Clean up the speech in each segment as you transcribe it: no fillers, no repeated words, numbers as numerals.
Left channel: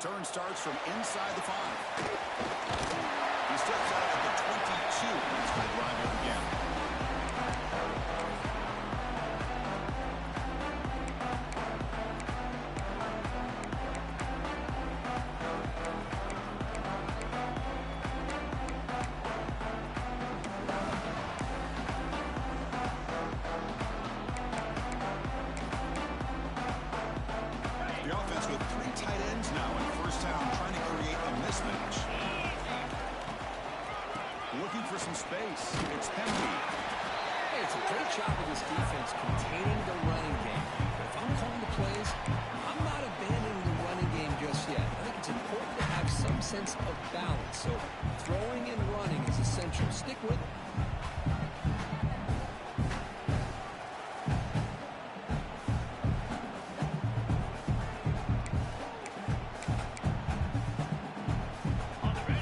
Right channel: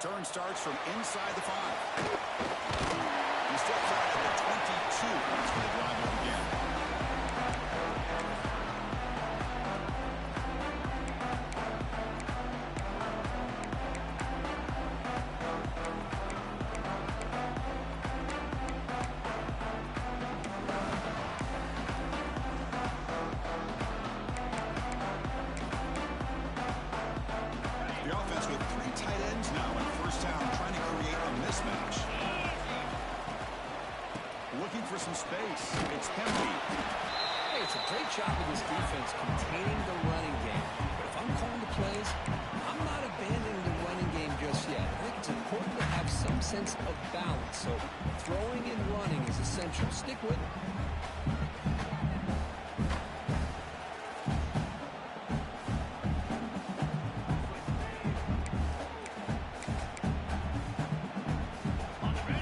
Return starts from inside the 5. He steps out at the 22. That's where the drive will begin. The offense with 3 tight ends now in first down, trying to create a mismatch. Looking for some space. It's Hemby. Hey, it's a great job of this defense containing the running game. But if I'm calling the plays, I'm not abandoning the running game just yet. I think it's important to have some sense of balance. So throwing and running is essential. Stick with it.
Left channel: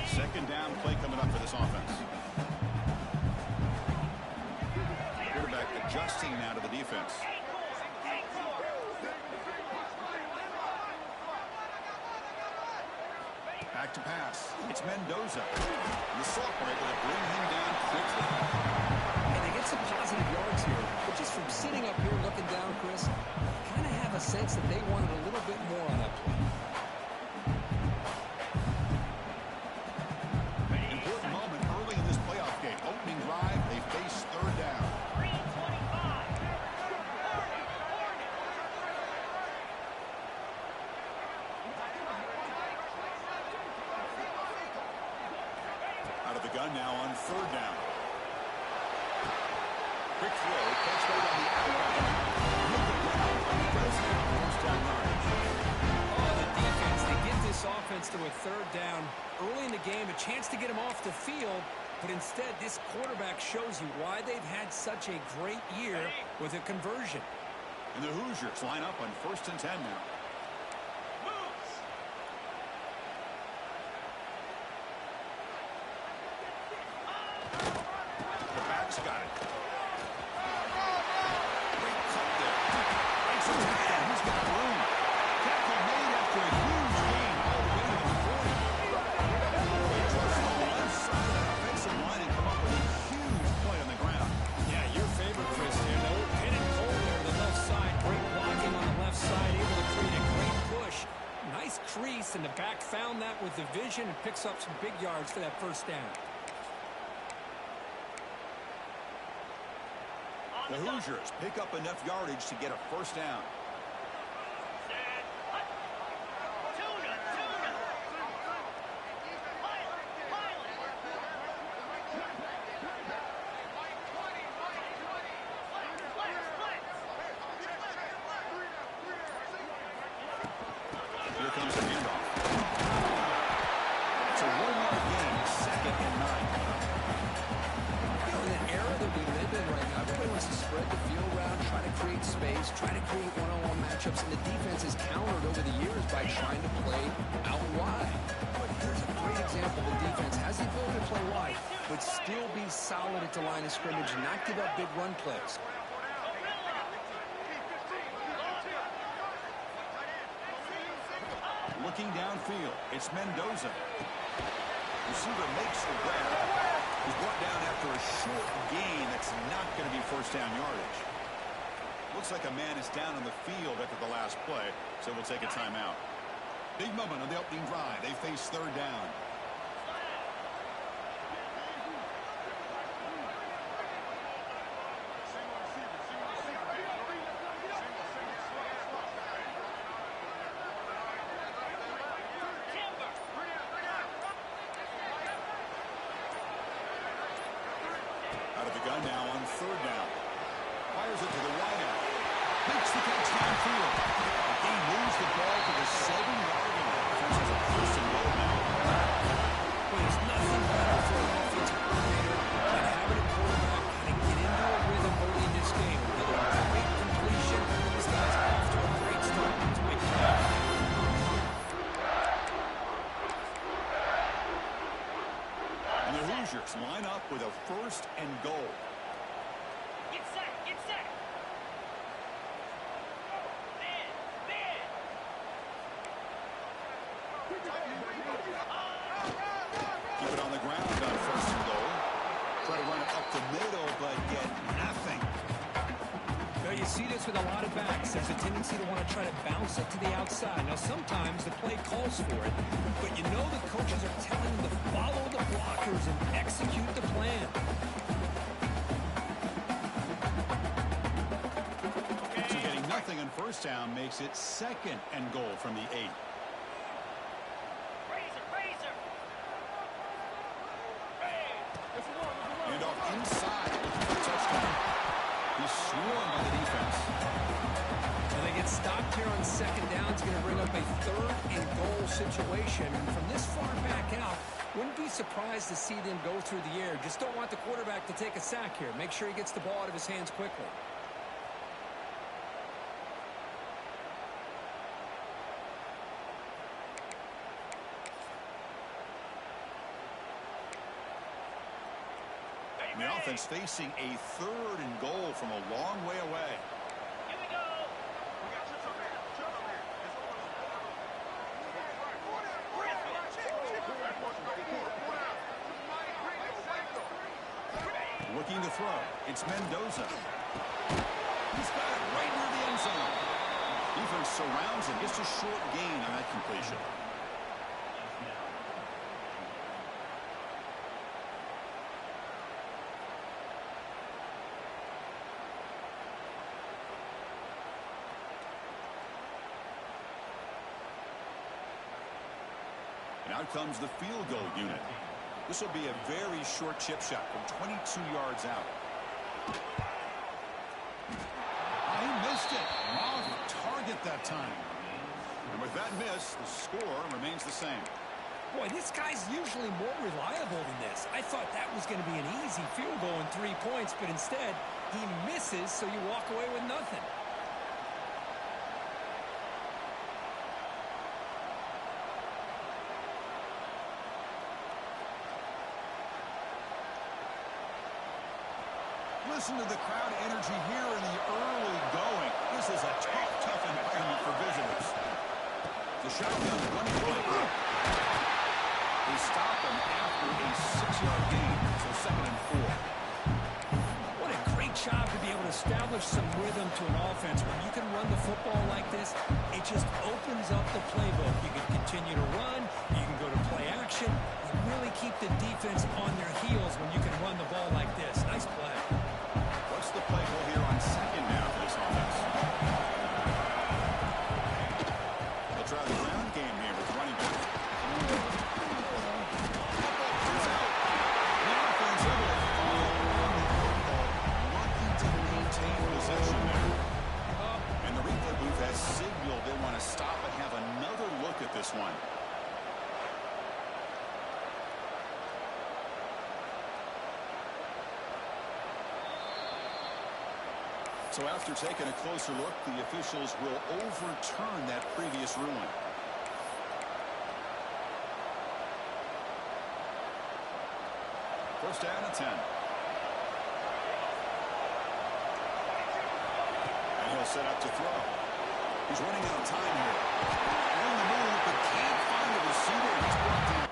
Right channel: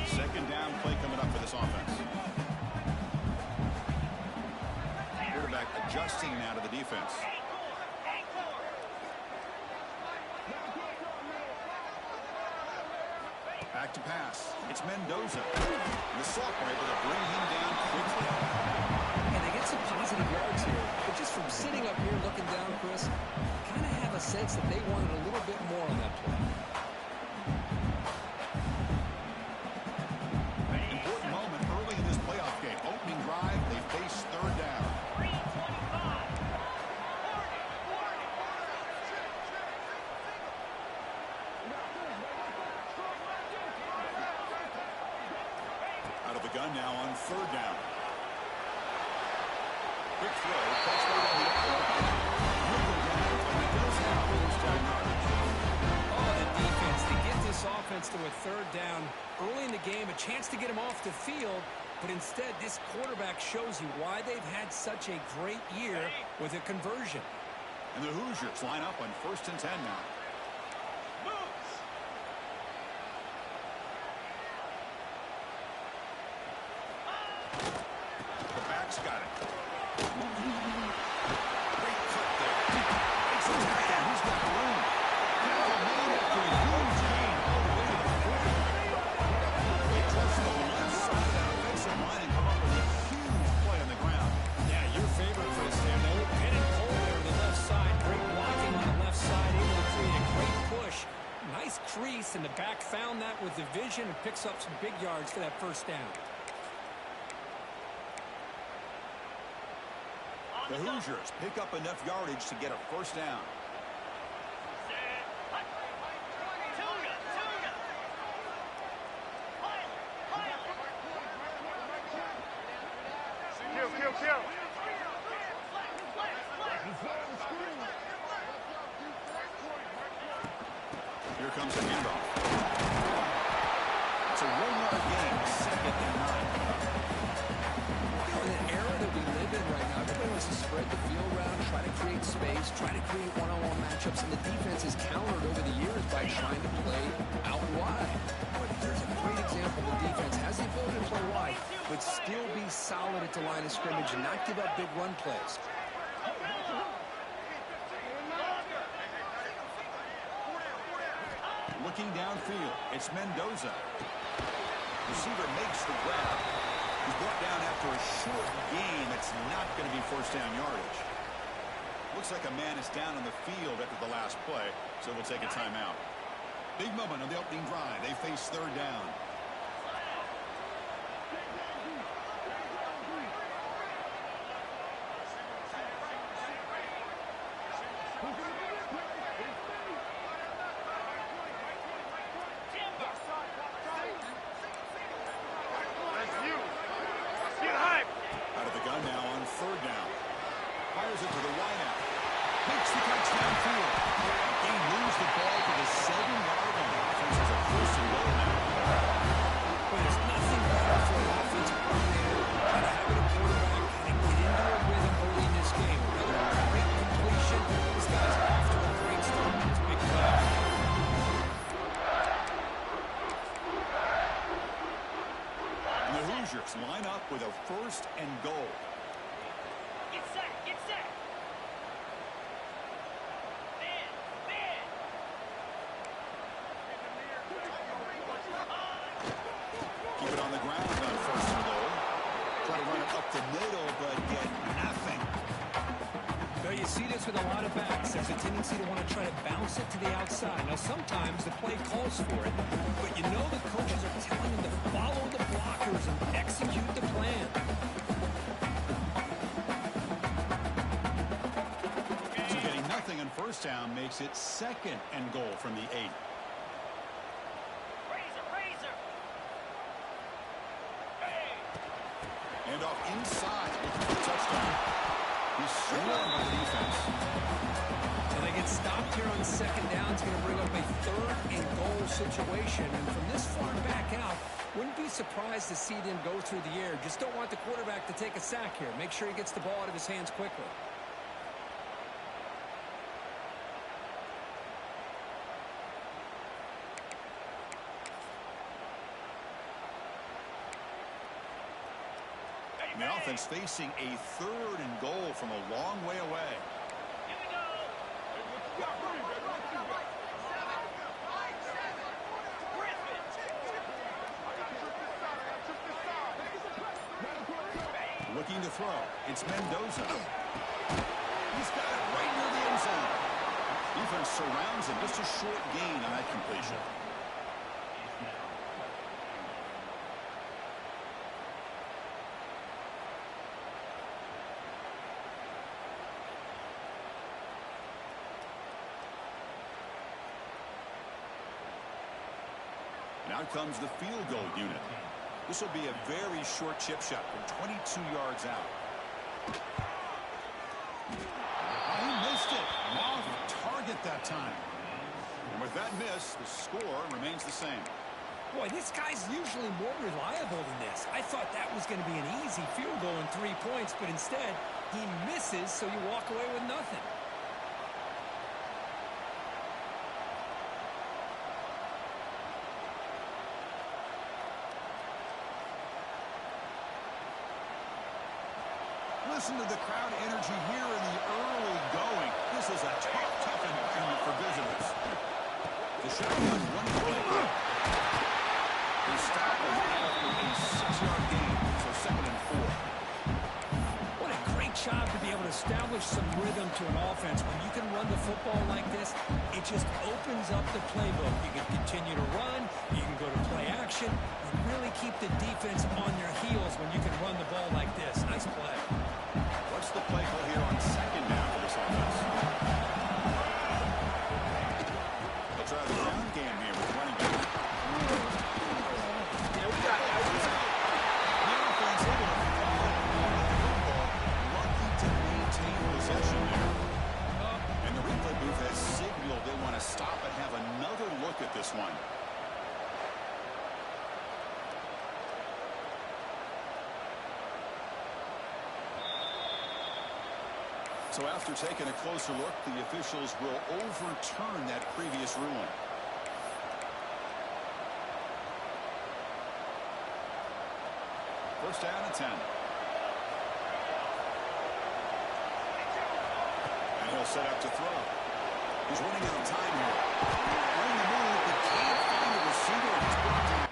Second down play coming up for this offense. Quarterback adjusting now to the defense. Back to pass. It's Mendoza. The sophomore able to bring him down quickly. And they get some positive yards here. But just from sitting up here looking down, Chris, kind of have a sense that they wanted a little bit more on that play. Important moment early in this playoff game. Opening drive, they face third down. 3:25. Out of the gun now on third down. Quick throw, catch right on the outbound. He'll go down, but he does have first down yardage. Oh, the defense. They get this offense to a third down early in the game, a chance to get him off the field. But instead, this quarterback shows you why they've had such a great year with a conversion. And the Hoosiers line up on 1st and 10 now. The back's got it. Great cut there. Breaks the tackle. He's got room. Tackle made after a huge gain all the way to the 40. They trust the left side of that offensive line and come up with a huge play on the ground. Yeah, your favorite, Chris, there. No pin and pull there to the left side. Great blocking on the left side, able to create a great push. Nice crease, and the back found that with the vision and picks up some big yards for that first down. The Hoosiers pick up enough yardage to get a first down. Here comes the handoff. It's a 1-yard gain, 2nd and 9 coming up. You know, in the era that we live in right now, everybody wants to spread the field around, try to create space, try to create one-on-one matchups, and the defense is countered over the years by trying to play out wide. But here's a great example. The defense has the ability to play wide, but still be solid at the line of scrimmage and not give up big run plays. Looking downfield, it's Mendoza. Receiver makes the grab. He's brought down after a short gain that's not going to be first down yardage. Looks like a man is down on the field after the last play, so we'll take a timeout. Big moment on the opening drive. They face third down. Out of the gun now on third down. Fires it to the wideout. Makes the catch downfield. They lose the ball to the 7-yard line. Offense has a first and goal now. Well, there's nothing better for an offensive coordinator than having a quarterback kind of get into a rhythm early in this game. Another great completion. This guy's off to a great start. It's a big play. And the Hoosiers line up with a first and goal. Get set, get set. Man. Try to run it up the middle, but get nothing. Well, you see this with a lot of backs. There's a tendency to want to try to bounce it to the outside. Now, sometimes the play calls for it, but you know the coaches are telling them to follow the blockers and execute the plan. So getting nothing on first down makes it 2nd and goal from the 8. Razor. And off inside, looking for a touchdown. He's swarmed by the defense. Well, they get stopped here on 2nd down. It's going to bring up a 3rd and goal situation. And from this far back out, wouldn't be surprised to see them go through the air. Just don't want the quarterback to take a sack here. Make sure he gets the ball out of his hands quickly. And the offense facing a 3rd and goal from a long way away. Here we go. Looking to throw. It's Mendoza. He's got it right near the end zone. Defense surrounds him. Just a short gain on that completion. And out comes the field goal unit. This will be a very short chip shot from 22 yards out. He missed it. Off target that time. And with that miss, the score remains the same. Boy, this guy's usually more reliable than this. I thought that was going to be an easy field goal and 3 points, but instead, he misses, so you walk away with nothing. Listen to the crowd energy here in the early going. This is a tough environment for visitors. The shotgun one play. They stop him after a 6-yard gain, so 2nd and 4. What a great job to be able to establish some rhythm to an offense. When you can run the football like this, it just opens up the playbook. You can continue to run, you can go to play action, and really keep the defense on their heels when you can run the ball like this. Nice play. What's the play call here on 2nd down for this offense? They'll try the ground game here with running back. The offense able to follow along the football, lucky to maintain possession there. And the replay booth has signaled they want to stop and have another look at this one. So after taking a closer look, the officials will overturn that previous ruling. First down and 10. And he'll set up to throw. He's running out of time here. On the move, but can't find the receiver, and he's brought down.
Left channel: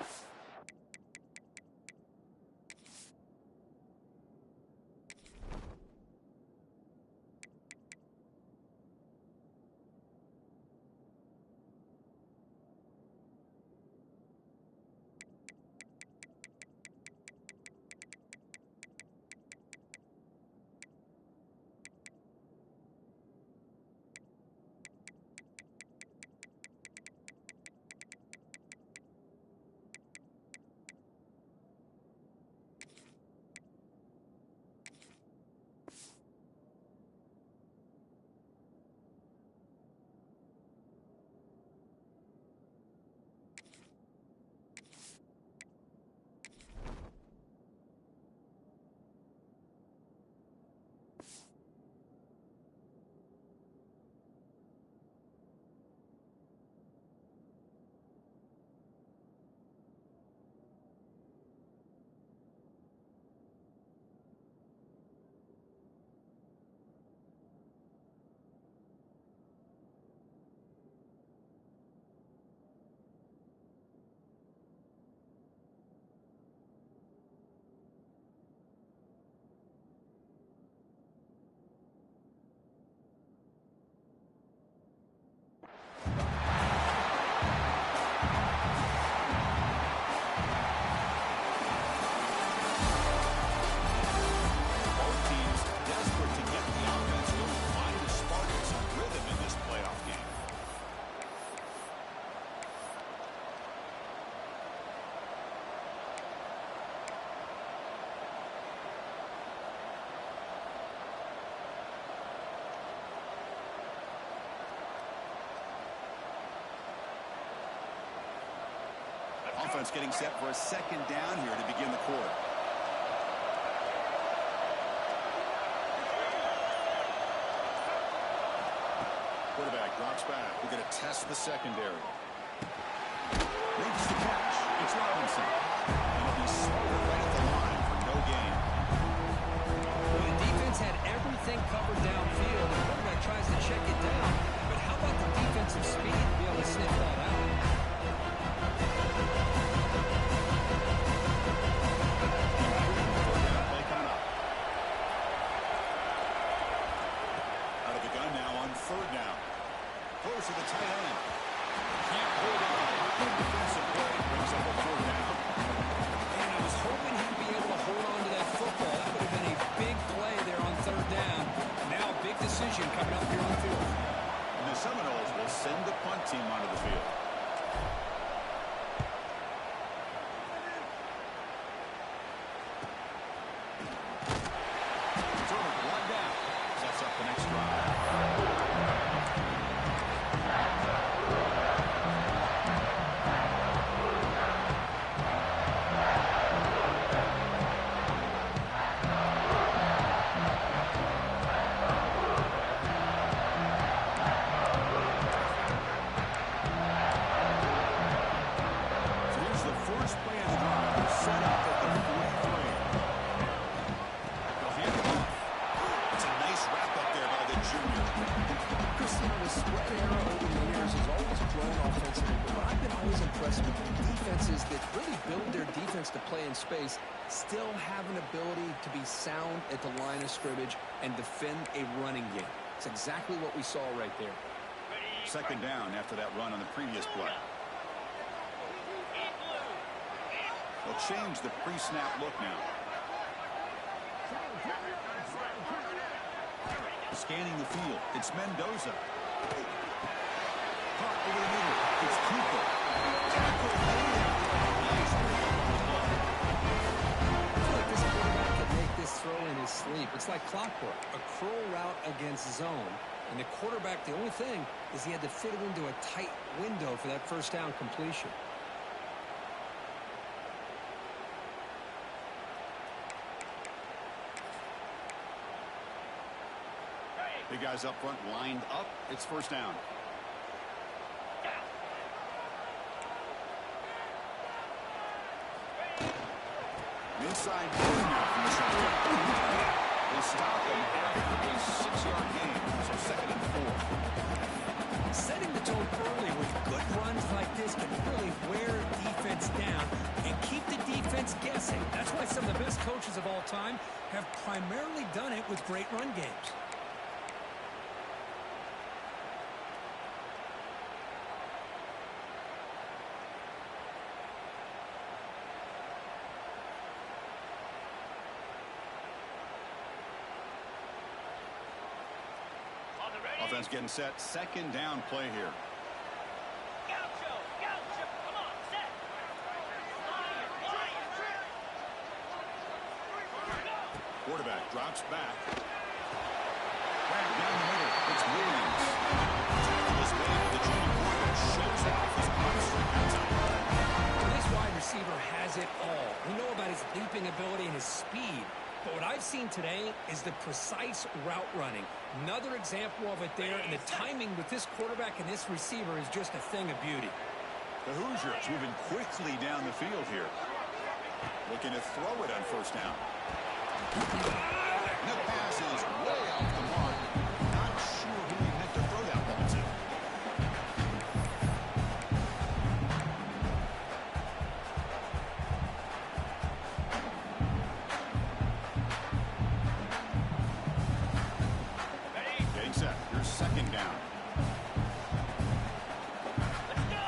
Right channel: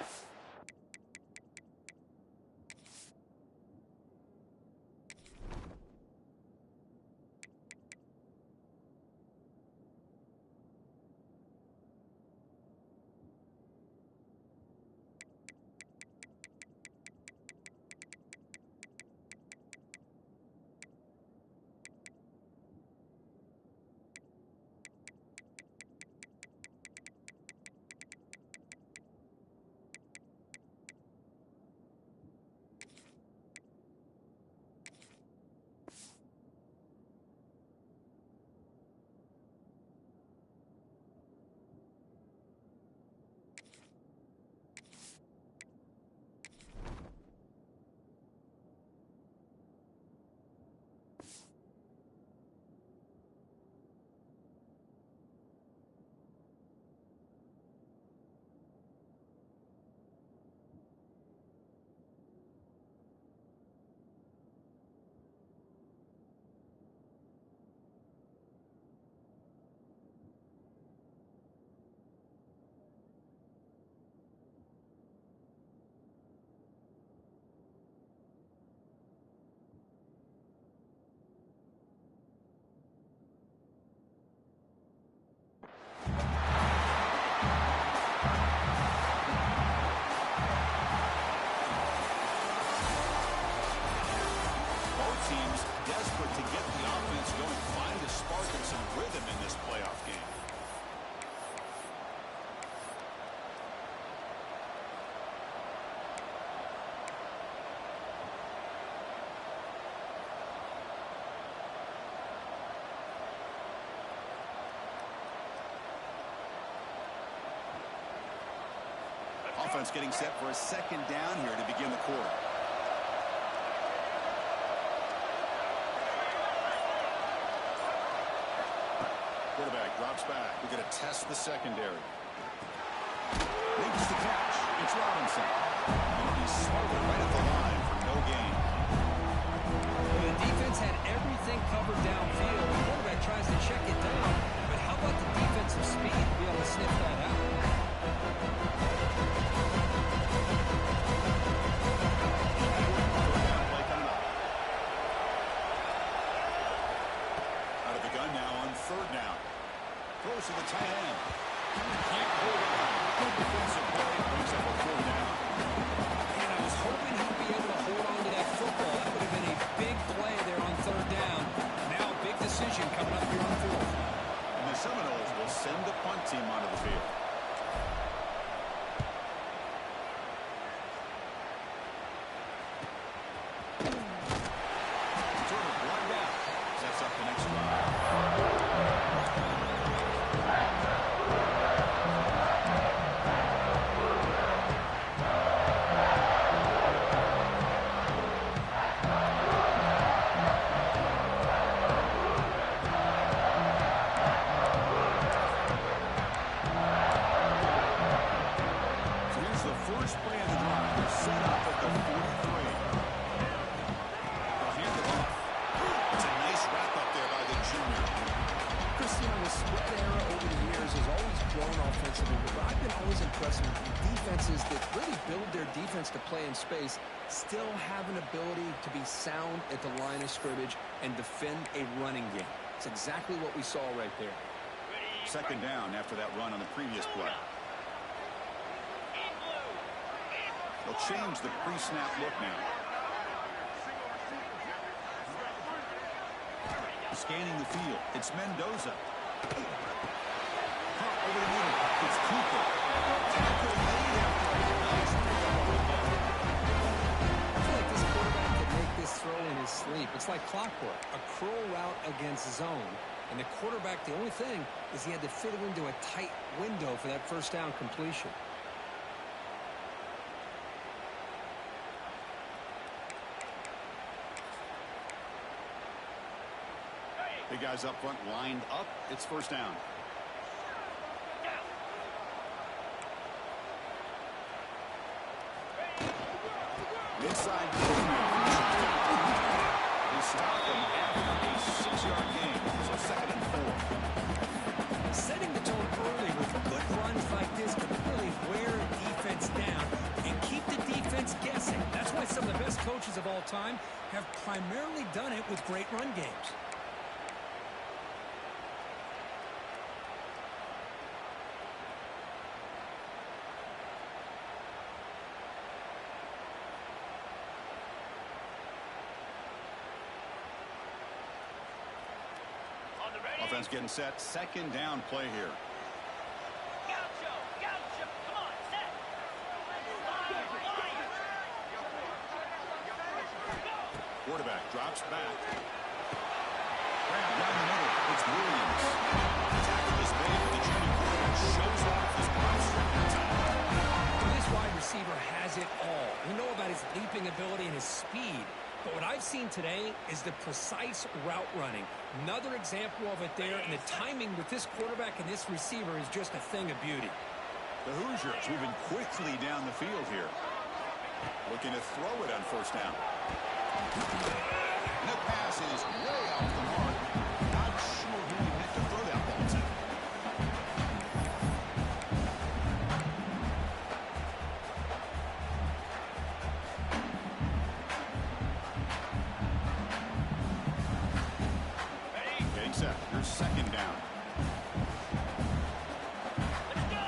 Offense getting set for a second down here to begin the quarter. Quarterback drops back. We're going to test the secondary. Makes the catch. It's Robinson. And he'll be smothered right at the line for no gain. Well, the defense had everything covered downfield. The quarterback tries to check it down, but how about the defensive speed to be able to sniff that out? Third down play coming up. Out of the gun now on third down. Throws to the tight end. Can't hold on. Good defensive play. Brings up a fourth down. And I was hoping he'd be able to hold on to that football. That would have been a big play there on third down. Now a big decision coming up here on fourth. And the Seminoles will send the punt team onto the field. Sort of one down. Sets up the next drive. First play of the drive is set up at the 43. They'll hand it off. It's a nice wrap-up there by the junior. Cristiano, the spread era over the years has always grown offensively, but I've been always impressed with defenses that really build their defense to play in space, still have an ability to be sound at the line of scrimmage and defend a running game. It's exactly what we saw right there. Second down after that run on the previous play. They'll change the pre-snap look now. Scanning the field. It's Mendoza. Hot over the middle. It's Cooper. Tackle made after a nice pickup on the ball. I feel like this quarterback could make this throw in his sleep. It's like clockwork. A curl route against zone. And the quarterback, the only thing is he had to fit it into a tight window for that first down completion. Big guys up front lined up. It's first down. Inside now from the shotgun. They stop him after a 6-yard gain. So second and 4. Setting the tone early with good runs like this can really wear defense down and keep the defense guessing. That's why some of the best coaches of all time have primarily done it with great run games. Offense getting set. Second down play here. Gaucho, Gaucho, come on, set. Lion, Lion. Go. Quarterback drops back. Grab down the middle. It's Williams. Tackle is made, but the junior quarterback shows off his arm strength that time. Well, this wide receiver has it all. We know about his leaping ability and his speed. But what I've seen today is the precise route running. Another example of it there, and the timing with this quarterback and this receiver is just a thing of beauty. The Hoosiers moving quickly down the field here. Looking to throw it on first down. And the pass is way off the mark. Not sure who he meant to throw that ball to. Set. Here's second down. Let's go.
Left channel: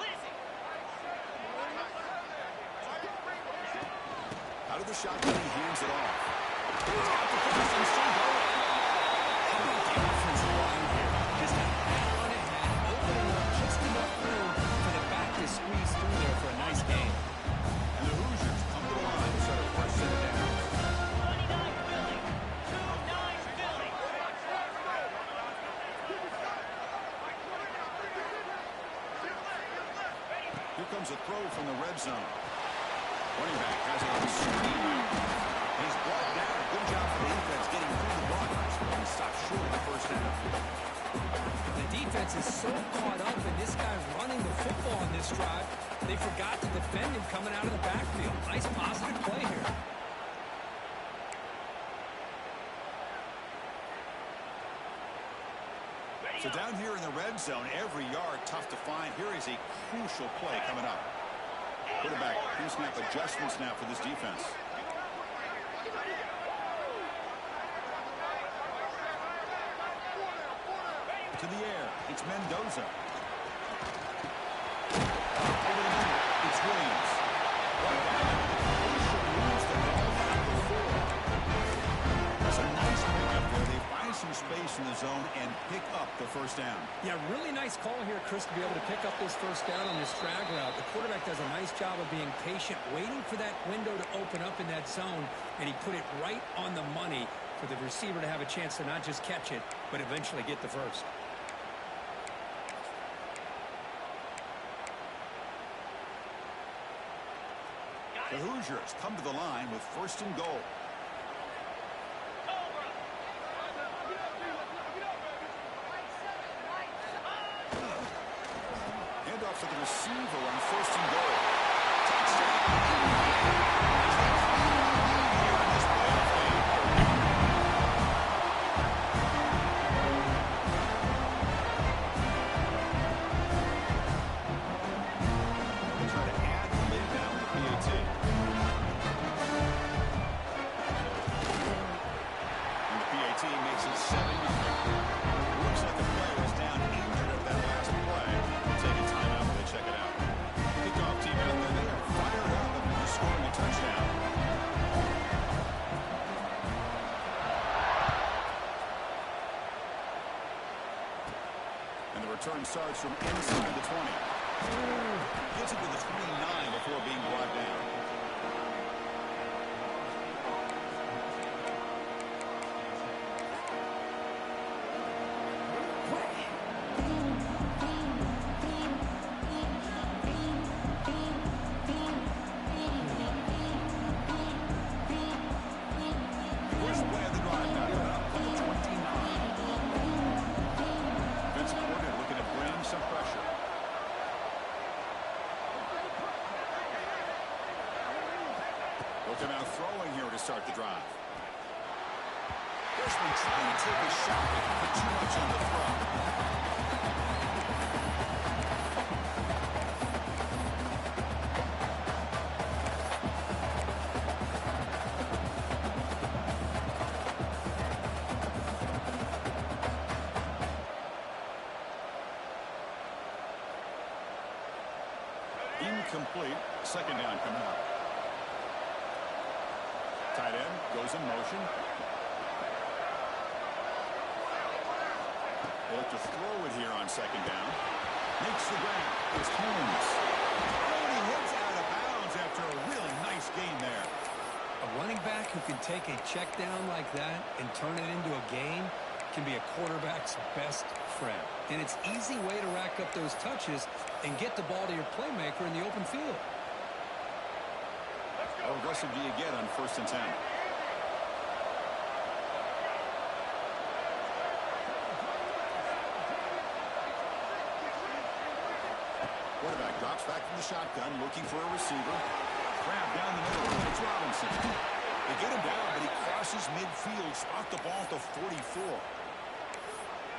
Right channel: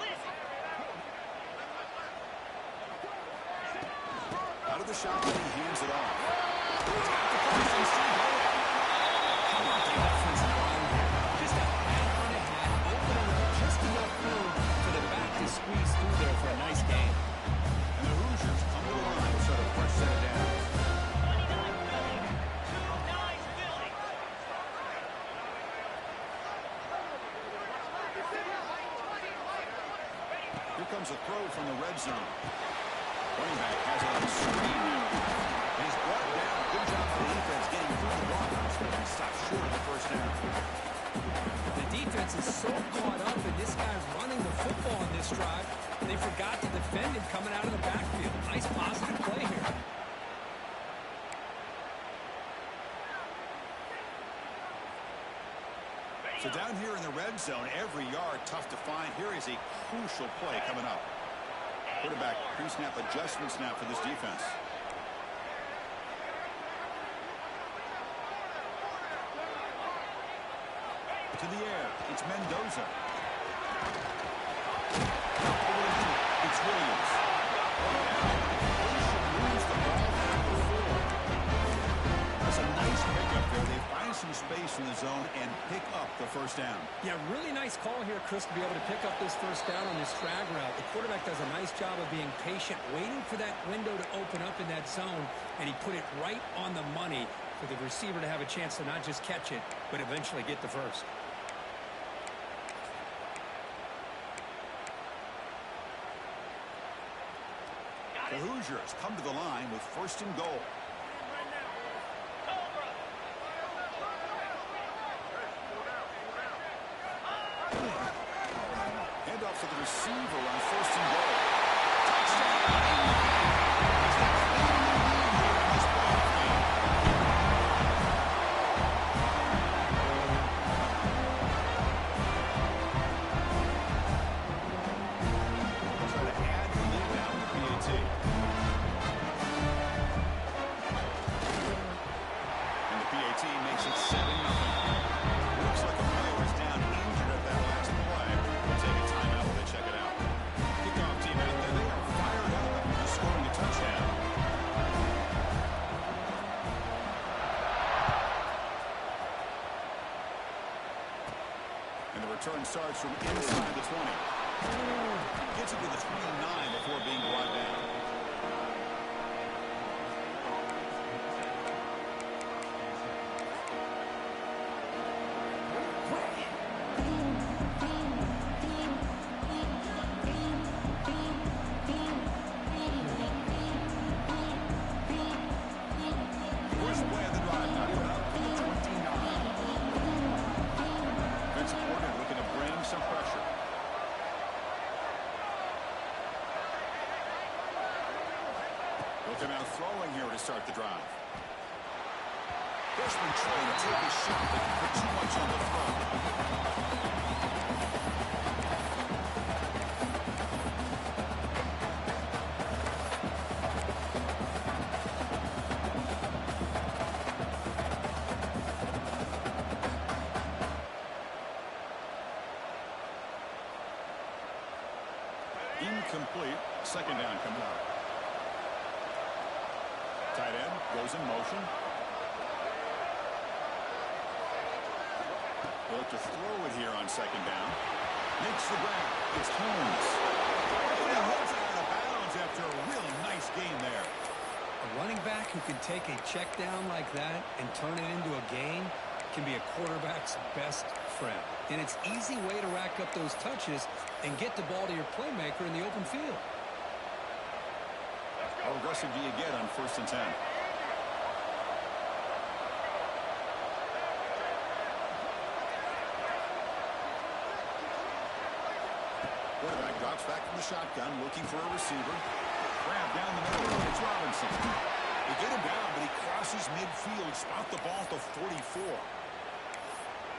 Lizzie. Out of the shotgun, he hands it off. He's got the pass and still going. How about the offensive line here? Just a hat on a hat, opening up just enough room for the back to squeeze through there for a nice gain. And the Hoosiers come to the line to start a fresh set of downs. 29 Philly, 2-9 Here comes a throw from the red zone. Running back has it on the screen now. And he's brought down. Good job for the defense getting through the blockers. But he stopped short of the first down. The defense is so caught up in this guy running the football on this drive, they forgot to defend him coming out of the backfield. Nice positive play here. So down here in the red zone, every yard tough to find. Here is a crucial play coming up. Quarterback pre-snap adjustments now for this defense. To the air, it's Mendoza. Over the middle, it's Williams. Right now, the completion moves the ball down to the 4. That's a nice pickup there. They find some space in the zone and pick up the first down. Yeah, really nice call here, Chris, to be able to pick up this first down on this drag route. The quarterback does a nice job of being patient, waiting for that window to open up in that zone, and he put it right on the money for the receiver to have a chance to not just catch it, but eventually get the first. The Hoosiers come to the line with first and goal. Handoff to the receiver on first and goal. Touchdown! Is that cleaning the lead here in this playoff game? They'll try to add the lead now in the PAT. And the PAT makes it 7-0. Looks like a player is down injured at that last play. We'll take a timeout while they check it out. Kickoff team out there, they are fired up after just scoring a touchdown. And the return starts from inside the 20. Gets it to the 29 before being brought down. First play of the drive now coming up from the 29. Defensive coordinator looking to bring some pressure. They'll come out throwing here to start the drive. Freshman trying to take a shot, but put too much on the throw. Incomplete. Second down coming up. Tight end goes in motion. They look to throw it here on second down. Makes the grab. It's Holmes. Oh, and he heads out of bounds after a really nice gain there. A running back who can take a check down like that and turn it into a gain can be a quarterback's best friend. And it's an easy way to rack up those touches and get the ball to your playmaker in the open field. How aggressive do you get on first and 10? Quarterback drops back from the shotgun, looking for a receiver. Grab down the middle. It's Robinson. They get him down, but he crosses midfield, spot the ball at the 44.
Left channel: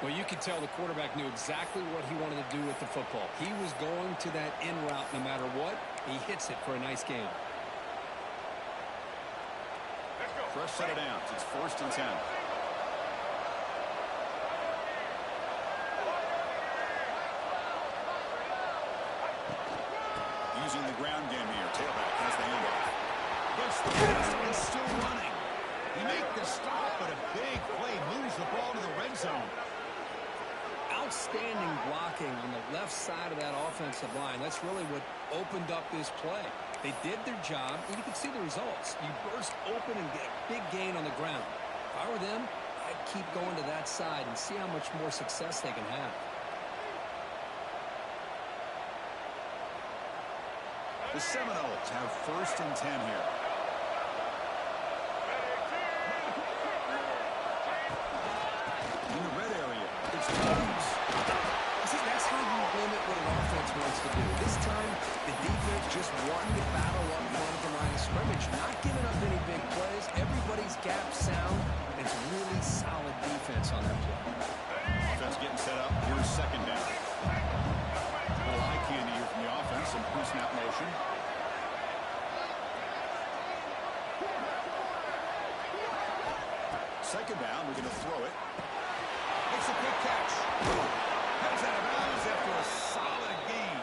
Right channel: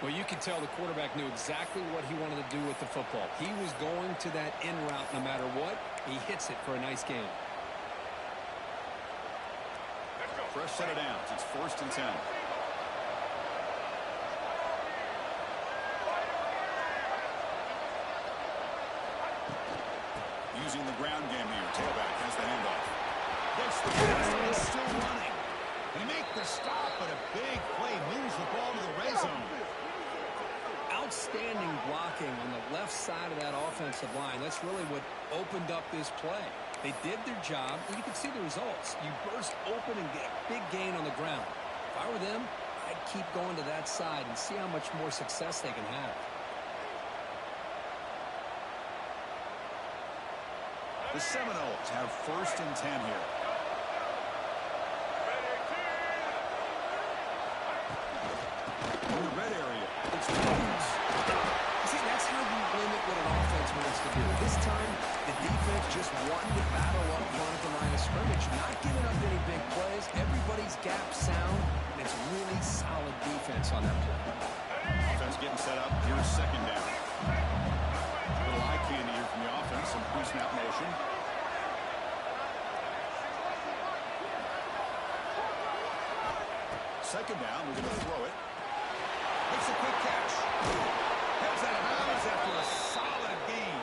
Well, you can tell the quarterback knew exactly what he wanted to do with the football. He was going to that in route no matter what. He hits it for a nice gain. Fresh set of downs. It's first and 10. Using the ground game here. Tailback has the handoff. Gets the pass and still running. He make the stop, but a big play moves the ball to the red zone. Outstanding blocking on the left side of that offensive line. That's really what opened up this play. They did their job, and you can see the results. You burst open and get a big gain on the ground. If I were them, I'd keep going to that side and see how much more success they can have. The Seminoles have 1st and 10 here. In the red area, it's Jones. See, that's how you limit what an offense wants to do. This time, the defense just wanting to battle up front at the line of scrimmage, not giving up any big plays. Everybody's gap sound, and it's really solid defense on that play. Offense getting set up. Here's 2nd down. Little eye candy here from the offense. Some pre-snap motion. Second down. We're going to throw it. Makes a quick catch. Heads out of bounds after a solid gain.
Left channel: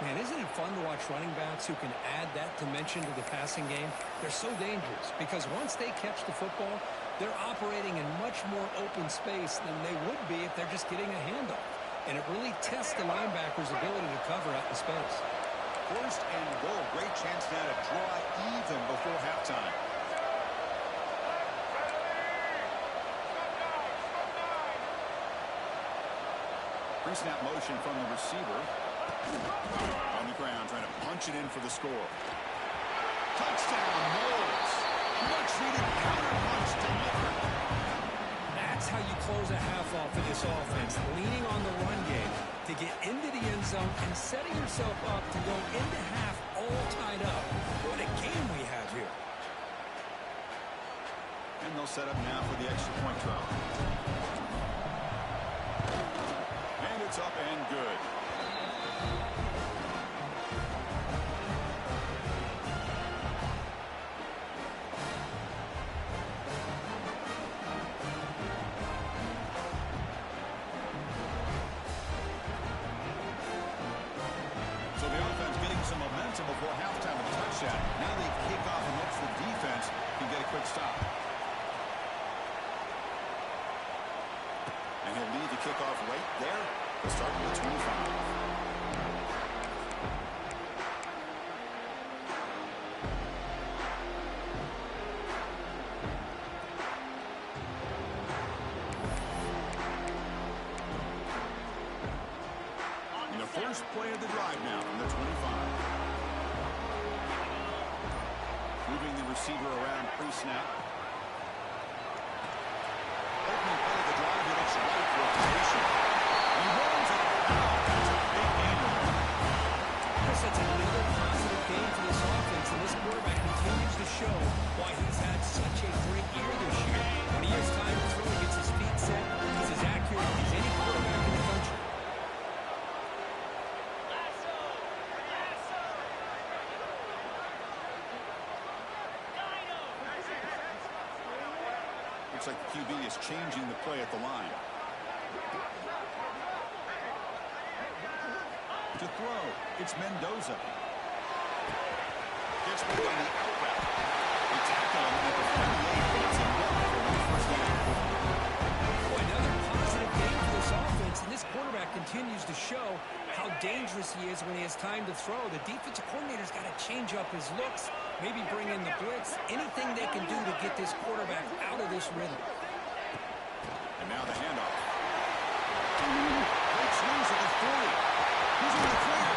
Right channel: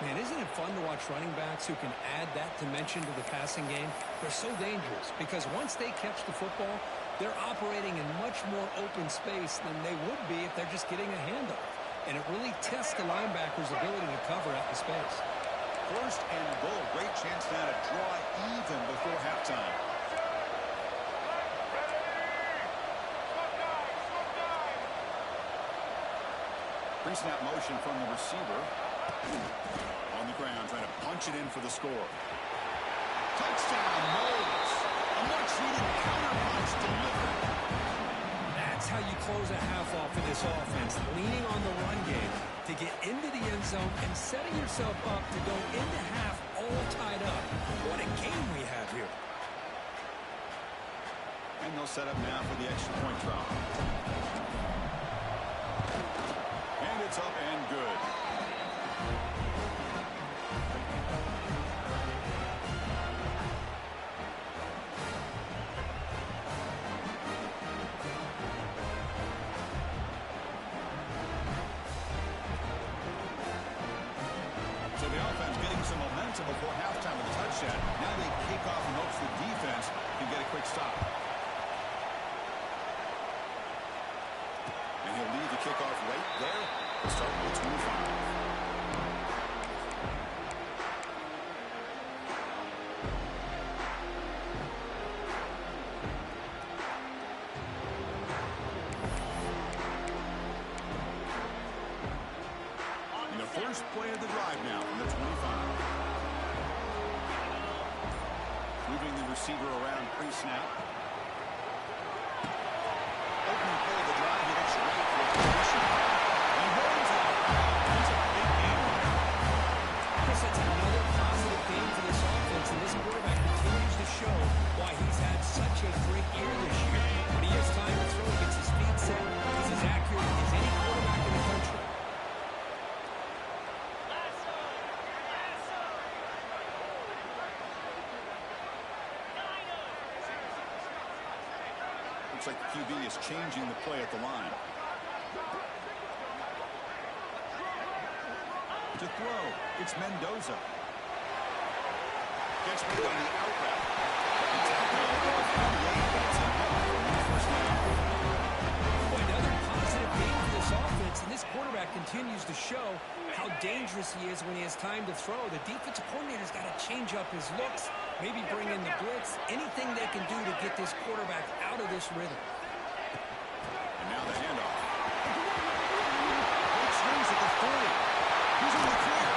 Man, isn't it fun to watch running backs who can add that dimension to the passing game? They're so dangerous because once they catch the football, they're operating in much more open space than they would be if they're just getting a handoff. And it really tests the linebacker's ability to cover out the space. 1st and goal. Great chance now to draw even before halftime. Pre-snap motion from the receiver. On the ground, trying to punch it in for the score. Touchdown, Moles. A much-needed counter-punch delivered. That's how you close a half off of this offense, leaning on the run game to get into the end zone and setting yourself up to go into half all tied up. What a game we have here. And they'll set up now for the extra point drop. And it's up and good. So the offense getting some momentum before halftime with a touchdown. Now they kick off and hopes the defense can get a quick stop. And he'll lead the kickoff right there to start with the 25. And the first play of the drive now from the 25. Moving the receiver around pre-snap. Opening play of the drive, he looks right for a completion. He runs out of bounds. That's a big gain there. Chris, that's another positive game for this offense, and this quarterback continues to show why he's had such a great year this year. When he has time to throw, he gets his feet set. He's as accurate as any quarterback in the country. Looks like the QB is changing the play at the line. To throw, it's Mendoza. Gets rid on the out route. They tackle him at the 48, but it's enough for one first down. Boy, another positive game for this offense, and this quarterback continues to show how dangerous he is when he has time to throw. The defensive coordinator's got to change up his looks, maybe bring in the blitz, anything they can do to get this quarterback out of this rhythm. And now the handoff. Great swings at the 40. He's in the clear.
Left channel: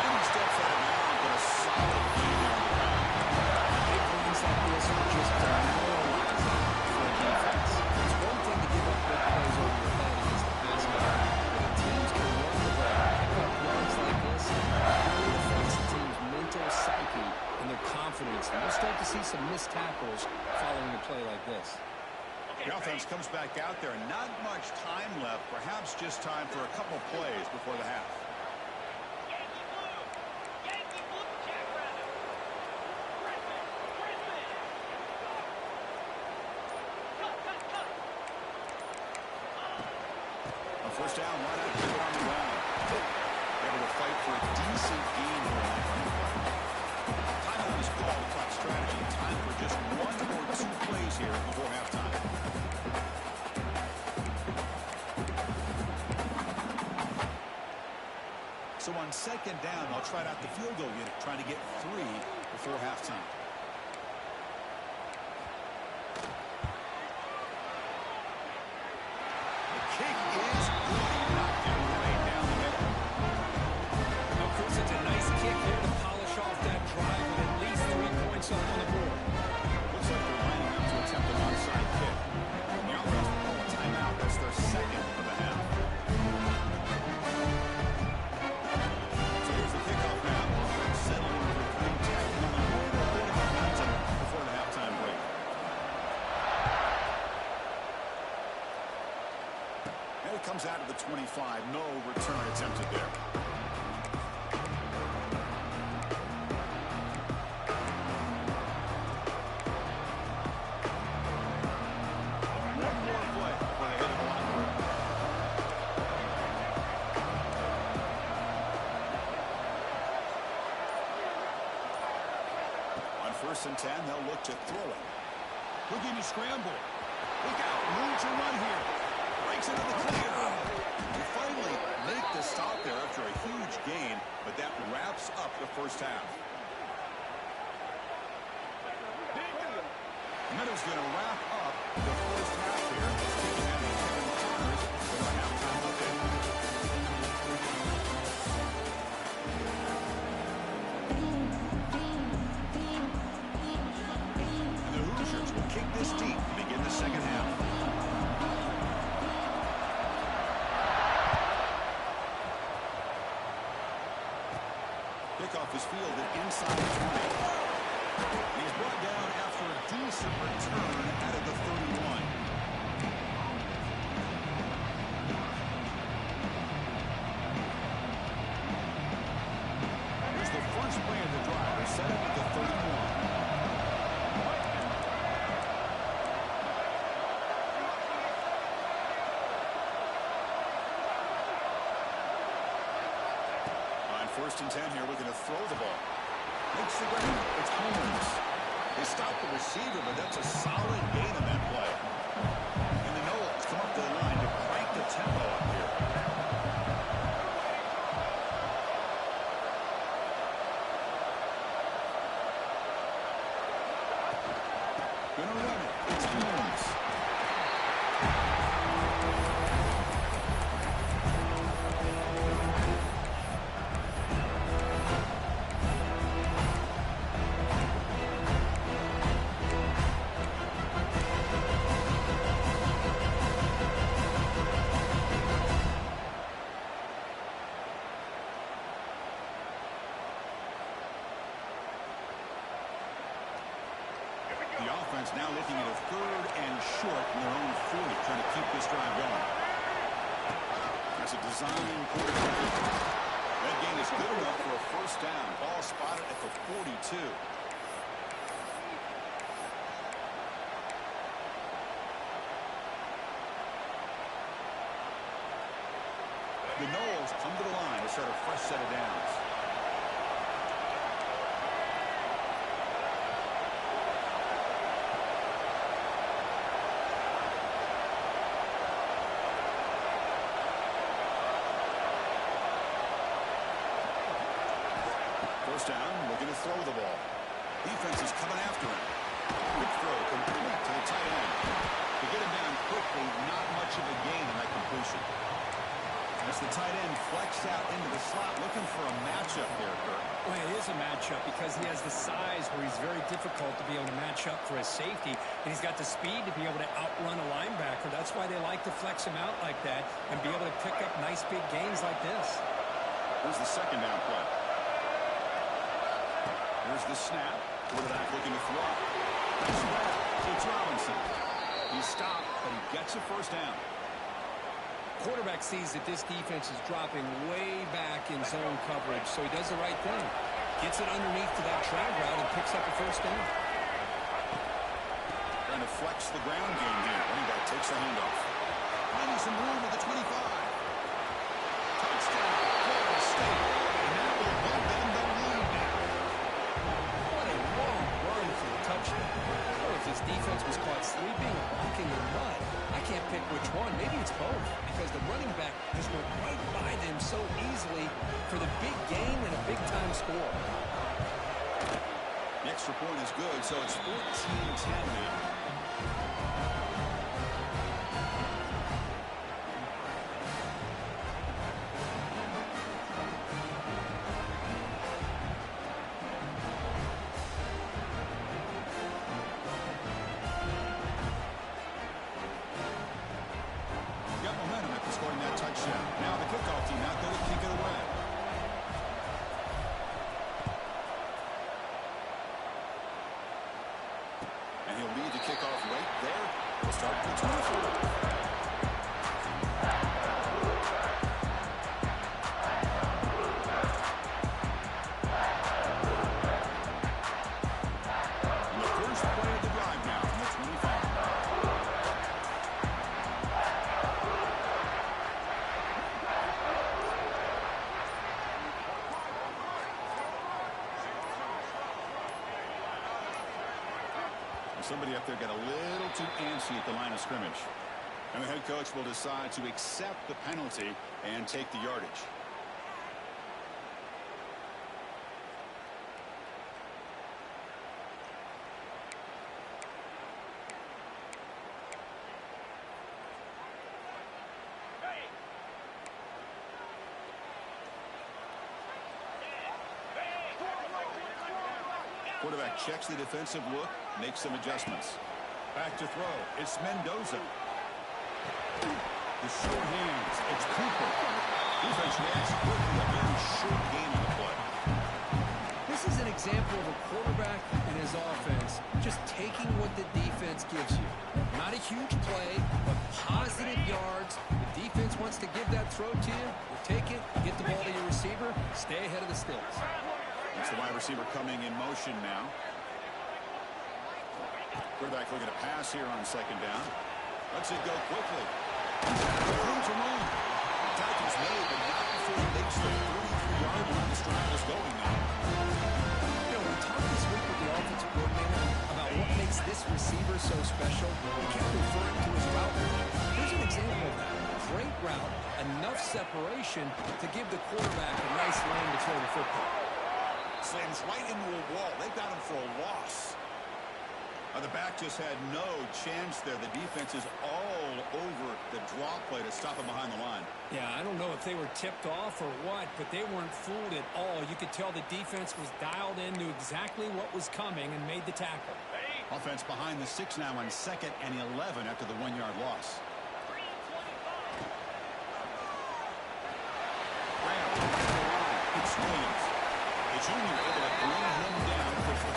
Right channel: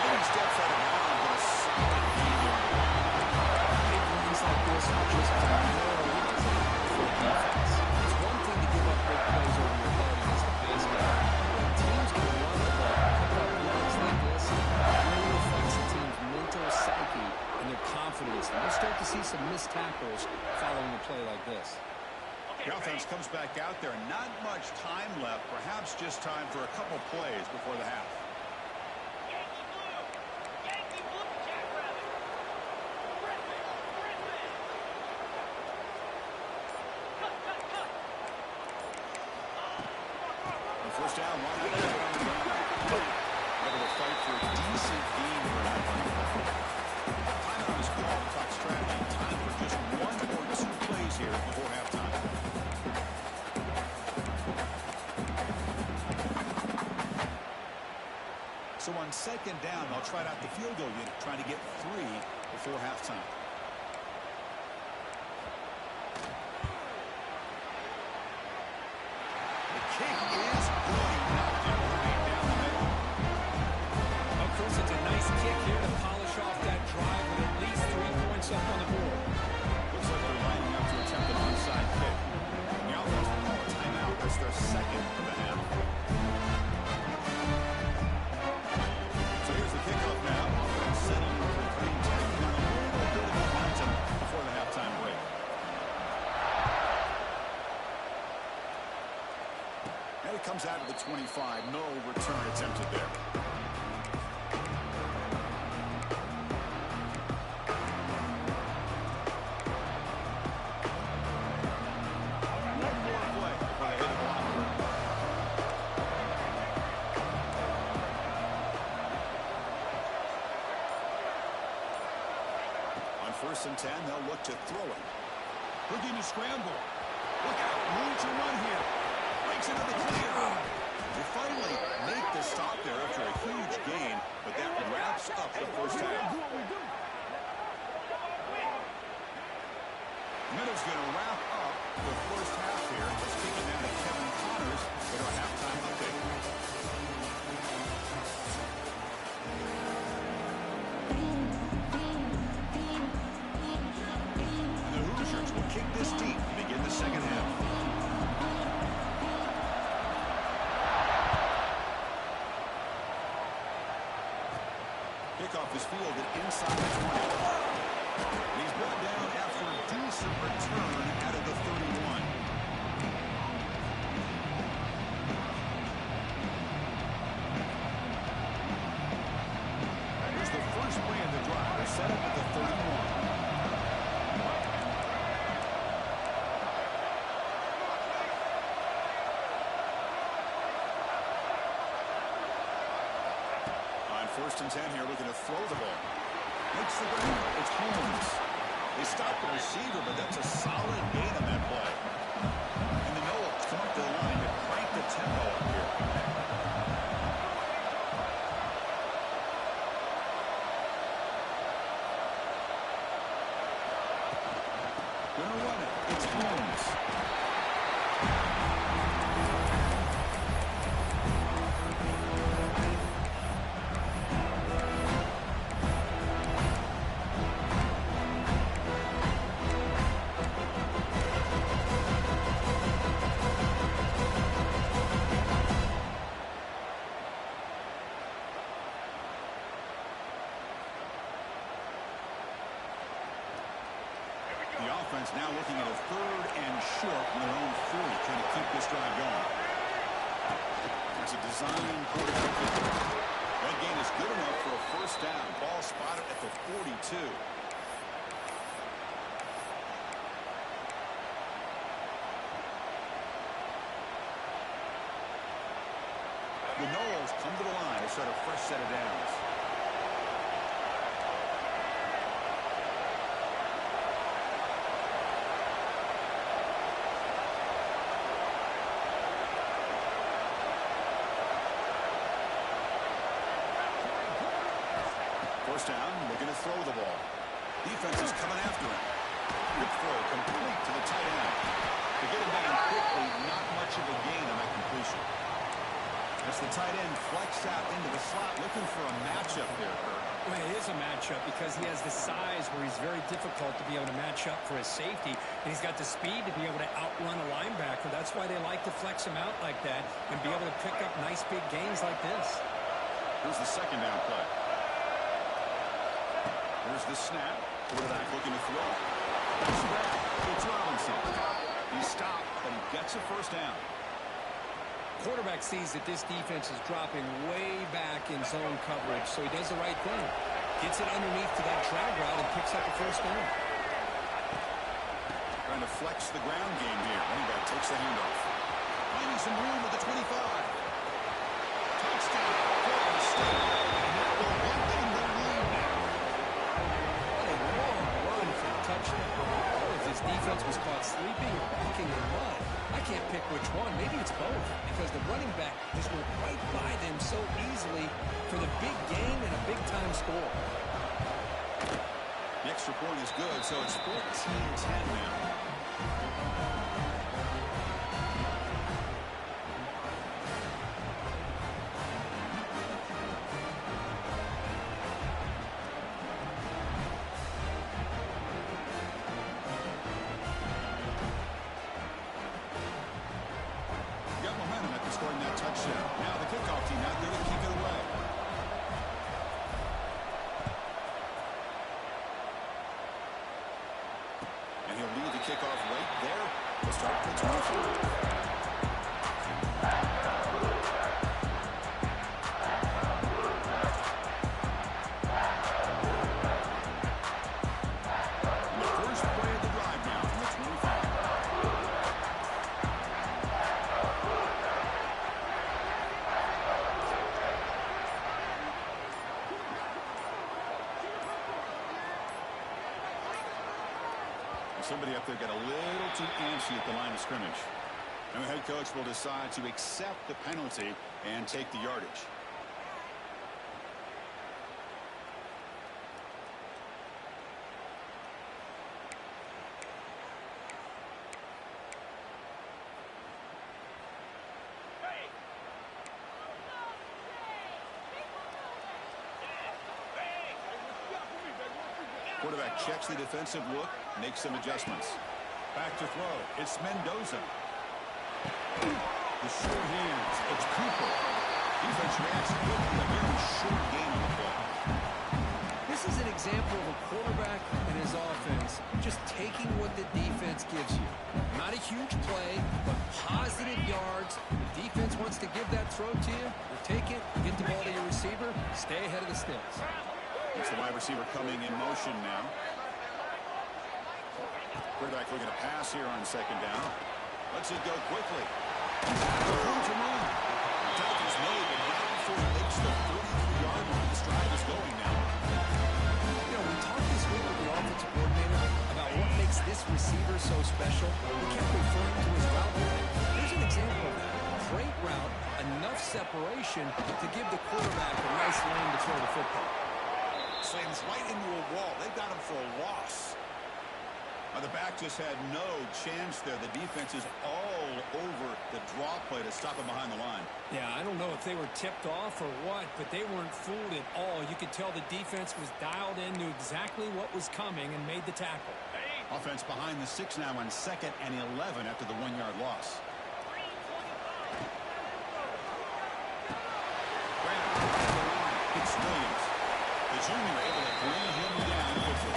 And he steps out of bounds, but a solid gain there on the ground. Big runs like this are just demoralizing for a defense. It's one thing to give up big plays over your head against the pass guy. When teams can run the ball, pick up yards like this, it really affects the team's mental psyche and their confidence. And we'll start to see some missed tackles following a play like this. The offense comes back out there. Not much time left. Perhaps just time for a couple plays before the half. Yankee blue! Yankee blue! Jackrabbit! Griffin! Griffin! Cut! On first down, why not keep it on the ground? Able to fight for a decent gain here in that running play. Timeout is called to talk strategy. Time for just one or two plays here before halftime. So on second down, they'll try out the field goal unit, trying to get 3 before halftime. The kick is good. He knocked it right down the middle. Oh, Chris, it's a nice kick here to polish drive with at least 3 points up on the board. Looks like they're lining up to attempt an onside kick. The offense will call a timeout. That's their second of the half. So here's the kickoff now. Offense settling for 3, tacking on a little bit of momentum before the halftime break. And it comes out of the 25. No return attempted there. First and 10, they'll look to throw it. Looking to scramble. Look out, room to run here. Breaks into the clear. They finally make the stop there after a huge gain, but that wraps up the first half. And that is going to wrap up the first half here. Let's kick it down to Kevin Connors with our halftime update. Will kick this deep to begin the second half. Kickoff is fielded inside the 20. He's brought down after a decent return out of the 31. Here's the first play of the drive. They're set up at the 31. First and 10 here, looking to throw the ball. Makes the ground. It's Holmes. They stop the receiver, but that's a solid gain on that play. And the Knowles come up to the line to crank the tempo up here. Gonna run it. It's Holmes. The offense now looking at a 3rd and short from their own 40, trying to keep this drive going. That's a design quarterback. That gain is good enough for a first down. Ball spotted at the 42. The Knowles come to the line to start a fresh set of downs. First down, looking to throw the ball. Defense is coming after him. Quick throw, complete to the tight end. To get him down quickly, not much of a gain on that completion. As the tight end flexed out into the slot, looking for a matchup there, Kirk. Well, it is a matchup because he has the size where he's very difficult to be able to match up for his safety, and he's got the speed to be able to outrun a linebacker. That's why they like to flex him out like that and be able to pick up nice big gains like this. Here's the second down play. Here's the snap. Quarterback looking to throw. Nice grab. It's Robinson. He stopped, but he gets a first down. Quarterback sees that this defense is dropping way back in zone coverage, so he does the right thing. Gets it underneath to that drag route and picks up a first down. Trying to flex the ground game here. Running back takes the handoff. Finding some room at the 25. Touchdown, Florida State. And that will give them the lead now. What a long run for a touchdown. I don't know if this defense was caught sleeping or walking in mud. I can't pick which one. Maybe it's both, because the running back just went right by them so easily for the big gain and a big-time score. The extra point is good, so it's 14-10 now. touchdown. Now the kickoff team out there to kick it away. And he'll lead the kickoff right there. We'll start at the 24. Somebody up there got a little too antsy at the line of scrimmage. And the head coach will decide to accept the penalty and take the yardage. Quarterback checks the defensive look, makes some adjustments. Back to throw. It's Mendoza. The short hands. It's Cooper. Defense reacts quickly. A very short gain on the play. This is an example of a quarterback and his offense just taking what the defense gives you. Not a huge play, but positive yards. The defense wants to give that throw to you. You take it, get the ball to your receiver, stay ahead of the sticks. It's the wide receiver coming in motion now. Quarterback looking to pass here on second down. Lets it go quickly. Room to move. Tackle's made, but not before he makes the 33-yard line. This drive is going now. You know, we talked this week with the offensive coordinator about what makes this receiver so special. He kept referring to his route. Here's an example of that. Great route, enough separation to give the quarterback a nice lane to throw the football. Slams right into a wall. They've got him for a loss. The back just had no chance there. The defense is all over the draw play to stop him behind the line. Yeah, I don't know if they were tipped off or what, but they weren't fooled at all. You could tell the defense was dialed in, knew exactly what was coming, and made the tackle. Offense behind the 6 now on 2nd and 11 after the 1-yard loss. Graham, right at the line. It's Williams. The junior able to bring him down quickly.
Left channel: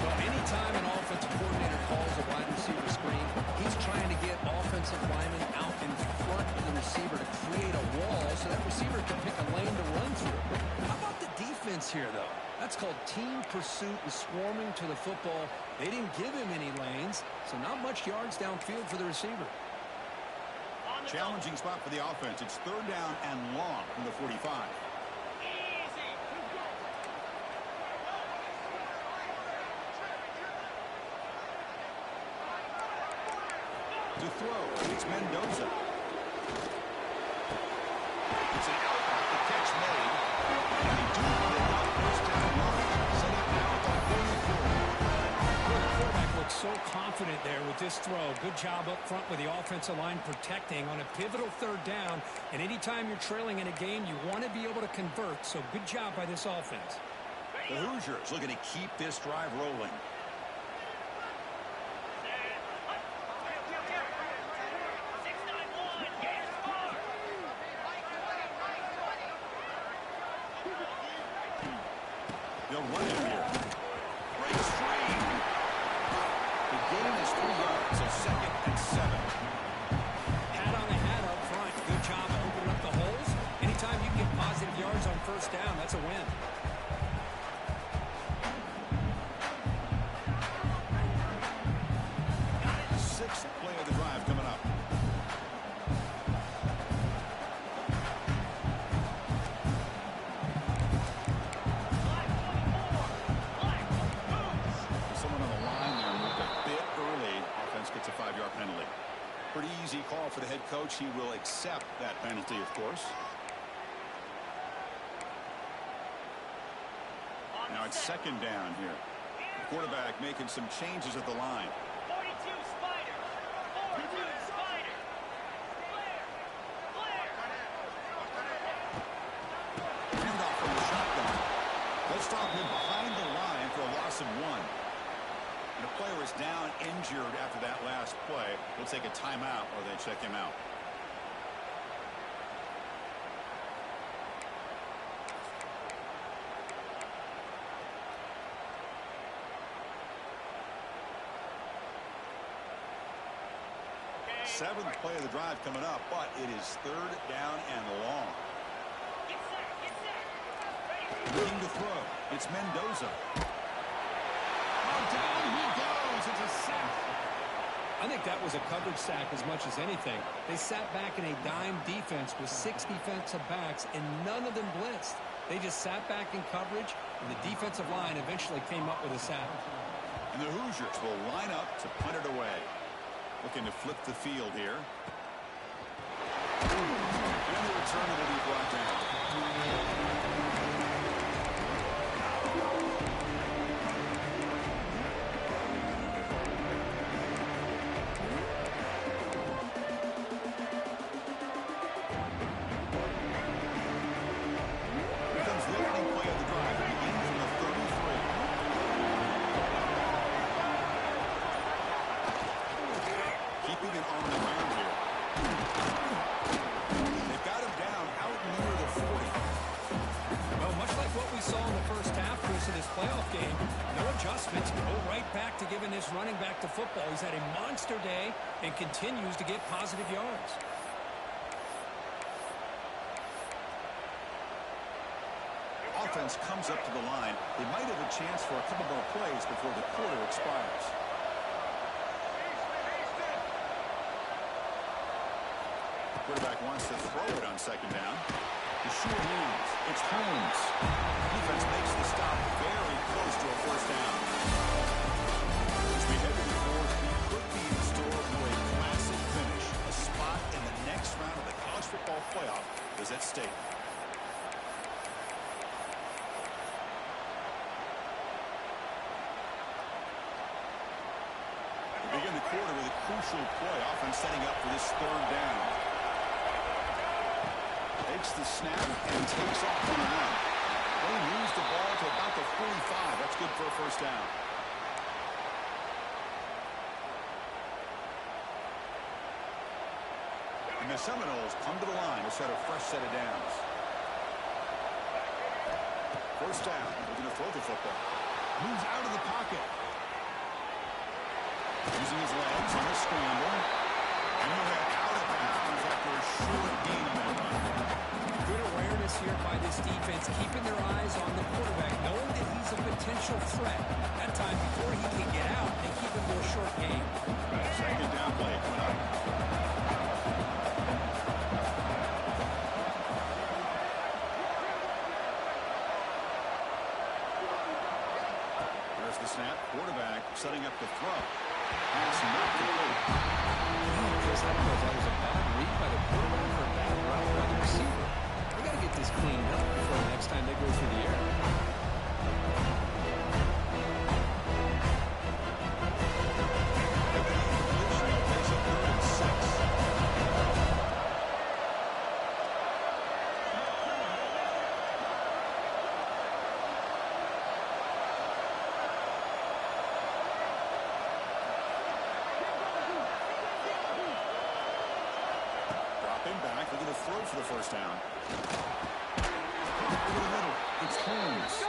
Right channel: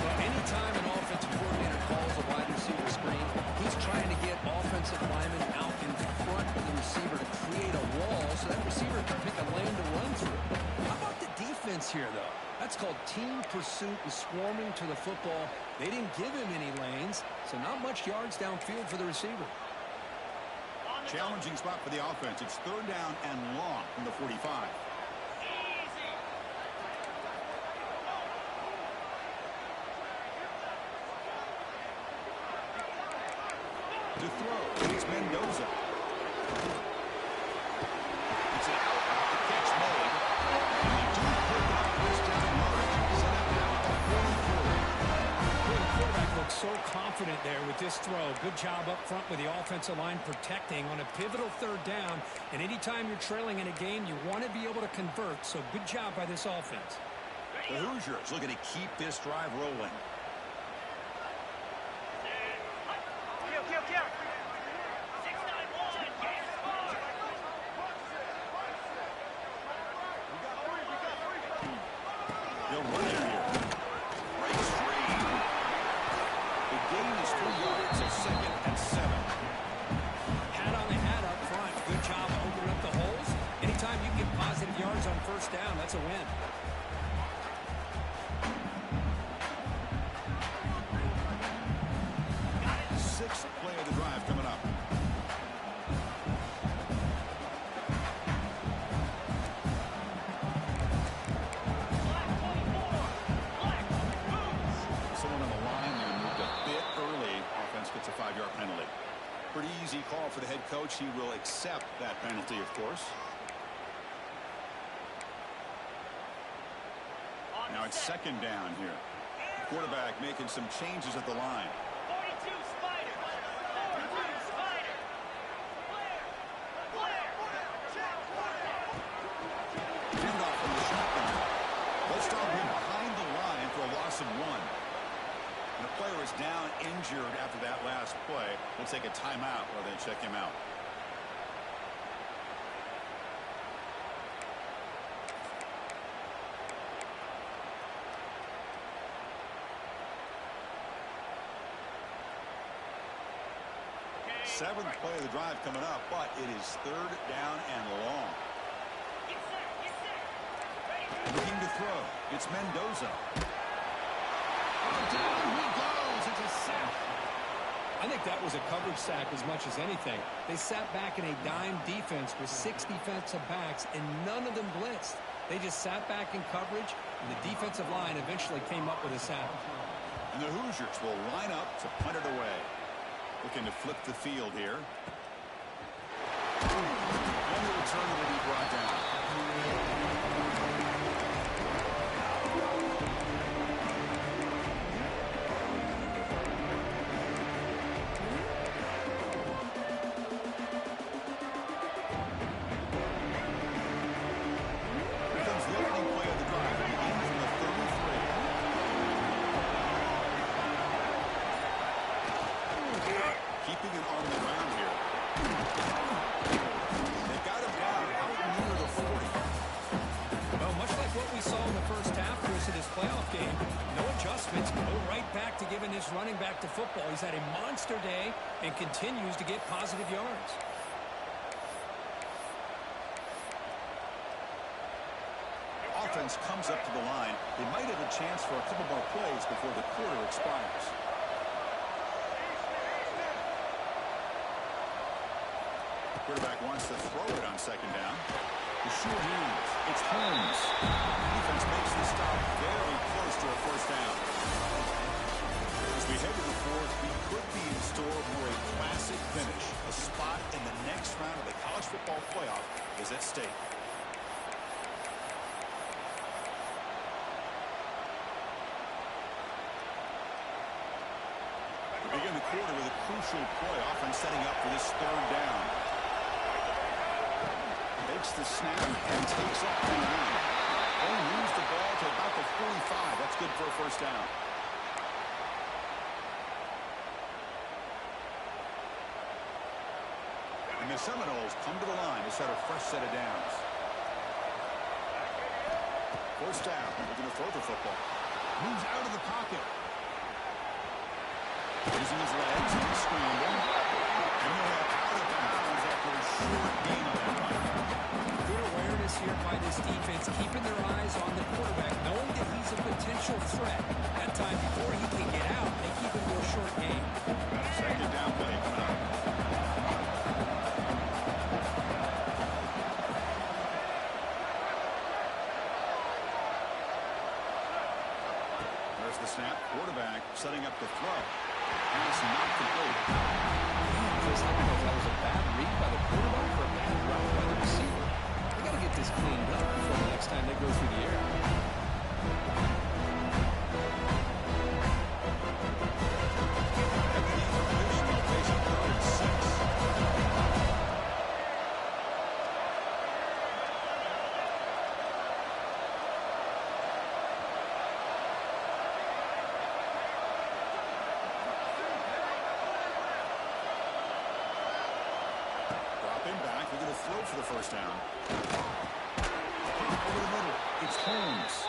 Well, anytime an offensive coordinator calls a wide receiver screen, he's trying to get offensive linemen out in front of the receiver to create a wall so that receiver can pick a lane to run through. How about the defense here, though? That's called team pursuit and swarming to the football. They didn't give him any lanes, so not much yards downfield for the receiver. Challenging spot for the offense. It's 3rd down and long from the 45. To throw, it's Mendoza. It's an out, the catch made, and they do pick up first down yardage. Set up now at the 44. Well, the quarterback looks so confident there with this throw. Good job up front with the offensive line protecting on a pivotal 3rd down. And anytime you're trailing in a game, you want to be able to convert. So good job by this offense. The Hoosiers looking to keep this drive rolling. They'll run it here. Breaks free. The gain is 3 yards, so 2nd and 7. Hat on a hat up front. Good job of opening up the holes. Anytime you get positive yards on 1st down, that's a win. Got it. 6th play of the drive coming up. Gets a 5-yard penalty. Pretty easy call for the head coach. He will accept that penalty, of course. Now it's 2nd down here. The quarterback making some changes at the line. 42 Spider. 42 Spider. Blair. Handoff from the shotgun. They'll stop him behind the line for a loss of 1. And a player is down injured after that last play. We'll take a timeout while they check him out. Seventh play of the drive coming up, but it is third down and long. Get set, get set. Ready. Looking to throw. It's Mendoza. Oh, down he goes. It's a sack. I think that was a coverage sack as much as anything. They sat back in a dime defense with 6 defensive backs, and none of them blitzed. They just sat back in coverage, and the defensive line eventually came up with a sack. And the Hoosiers will line up to punt it away. Looking to flip the field here. And the return will be brought down. Keeping it on the ground here. They've got him down out near the 40. Well, much like what we saw in the first half, Chris, of this playoff game, no adjustments, go right back to giving this running back to football. He's had a monster day and continues to get positive yards. Offense comes up to the line. They might have a chance for a couple more plays before the quarter expires. Quarterback wants to throw it on second down. The short hands. It's Holmes. Defense makes the stop very close to a first down. As we head to the fourth, we could be in store for a classic finish. A spot in the next round of the college football playoff is at stake. We begin the quarter with a crucial play, offense setting up for this third down. Takes the snap and takes off on an run. Only moves the ball to about the 45. That's good for a first down. And the Seminoles come to the line to set a fresh set of downs. First down. They're going to throw the football. Moves out of the pocket. Using his legs on the scramble. And he'll have out of bounds after a short gain on that run. Good awareness here by this defense, keeping their eyes on the quarterback, knowing that he's a potential threat. That time before he can get out, they keep him to a short gain. Second down play coming up. There's the snap. Quarterback setting up to throw. Pass not complete. Chris, I don't know if that was a bad read by the quarterback or a bad route by the receiver. They got to get this cleaned up before the next time they go through the air. At the incompletion, they'll face a 3rd and 6. Back, they're going to throw for the first down. Over the middle, it's Holmes.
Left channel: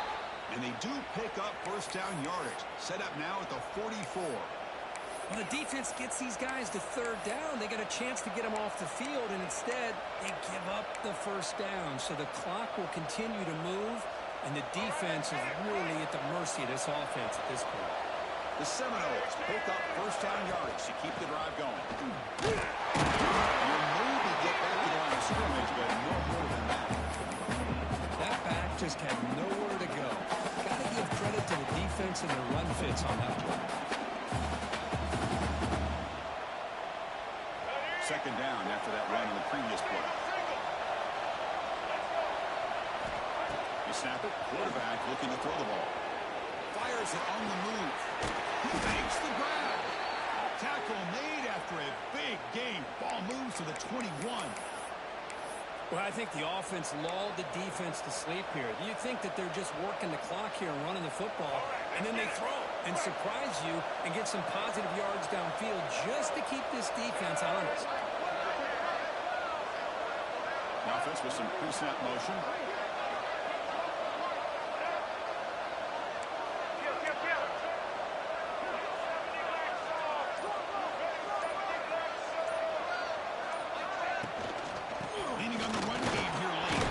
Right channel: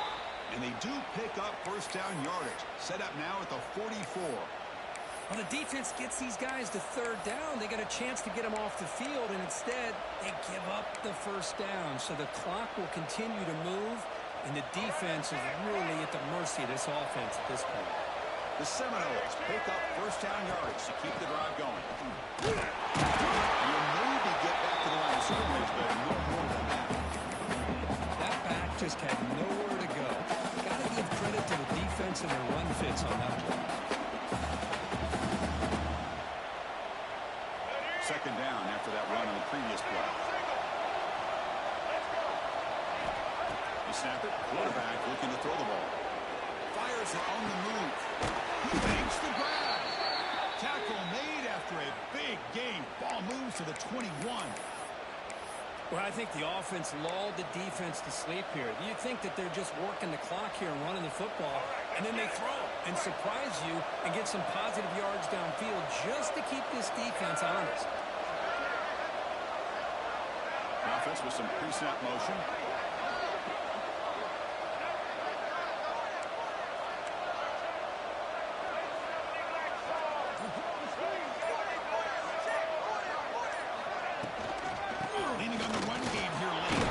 And they do pick up first down yardage. Set up now at the 44. When the defense gets these guys to third down, they got a chance to get them off the field, and instead they give up the first down. So the clock will continue to move, and the defense is really at the mercy of this offense at this point. The Seminoles pick up first down yardage to keep the drive going. You'll maybe get back to the line of scrimmage, but no more than that. That back just had nowhere to go. Got to give credit to the defense and their run fits on that play. Second down after that run on the previous play. You snap it. Quarterback looking to throw the ball. Fires it on the move. He makes the grab. Tackle made after a big gain. Ball moves to the 21. Well, I think the offense lulled the defense to sleep here. You think that they're just working the clock here and running the football, and then they throw and surprise you and get some positive yards downfield just to keep this defense honest. The offense with some pre-snap motion. Leaning on the run game here late.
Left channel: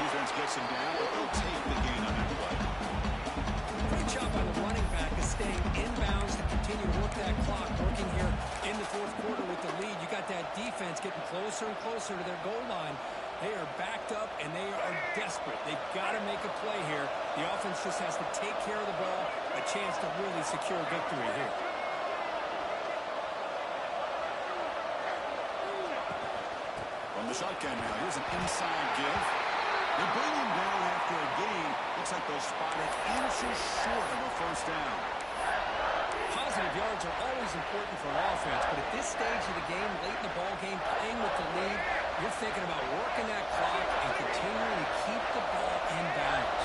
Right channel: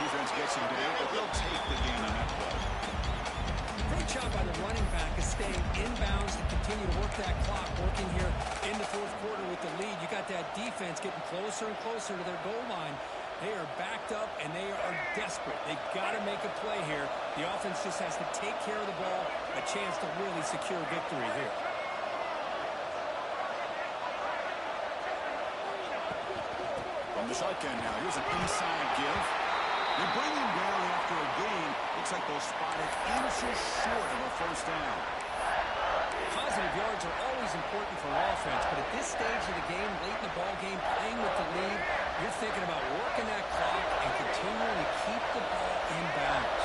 Defense gets him down, but they'll take the gain on that play. Great job by the running back of staying inbounds to continue to work that clock, working here in the fourth quarter with the lead. You got that defense getting closer and closer to their goal line. They are backed up, and they are desperate. They've got to make a play here. The offense just has to take care of the ball, a chance to really secure victory here. From the shotgun now, here's an inside give. They bring him down after a gain. Looks like they'll spot it inches short of a first down. Positive yards are always important for an offense, but at this stage of the game, late in the ball game, playing with the lead, you're thinking about working that clock and continuing to keep the ball in bounds.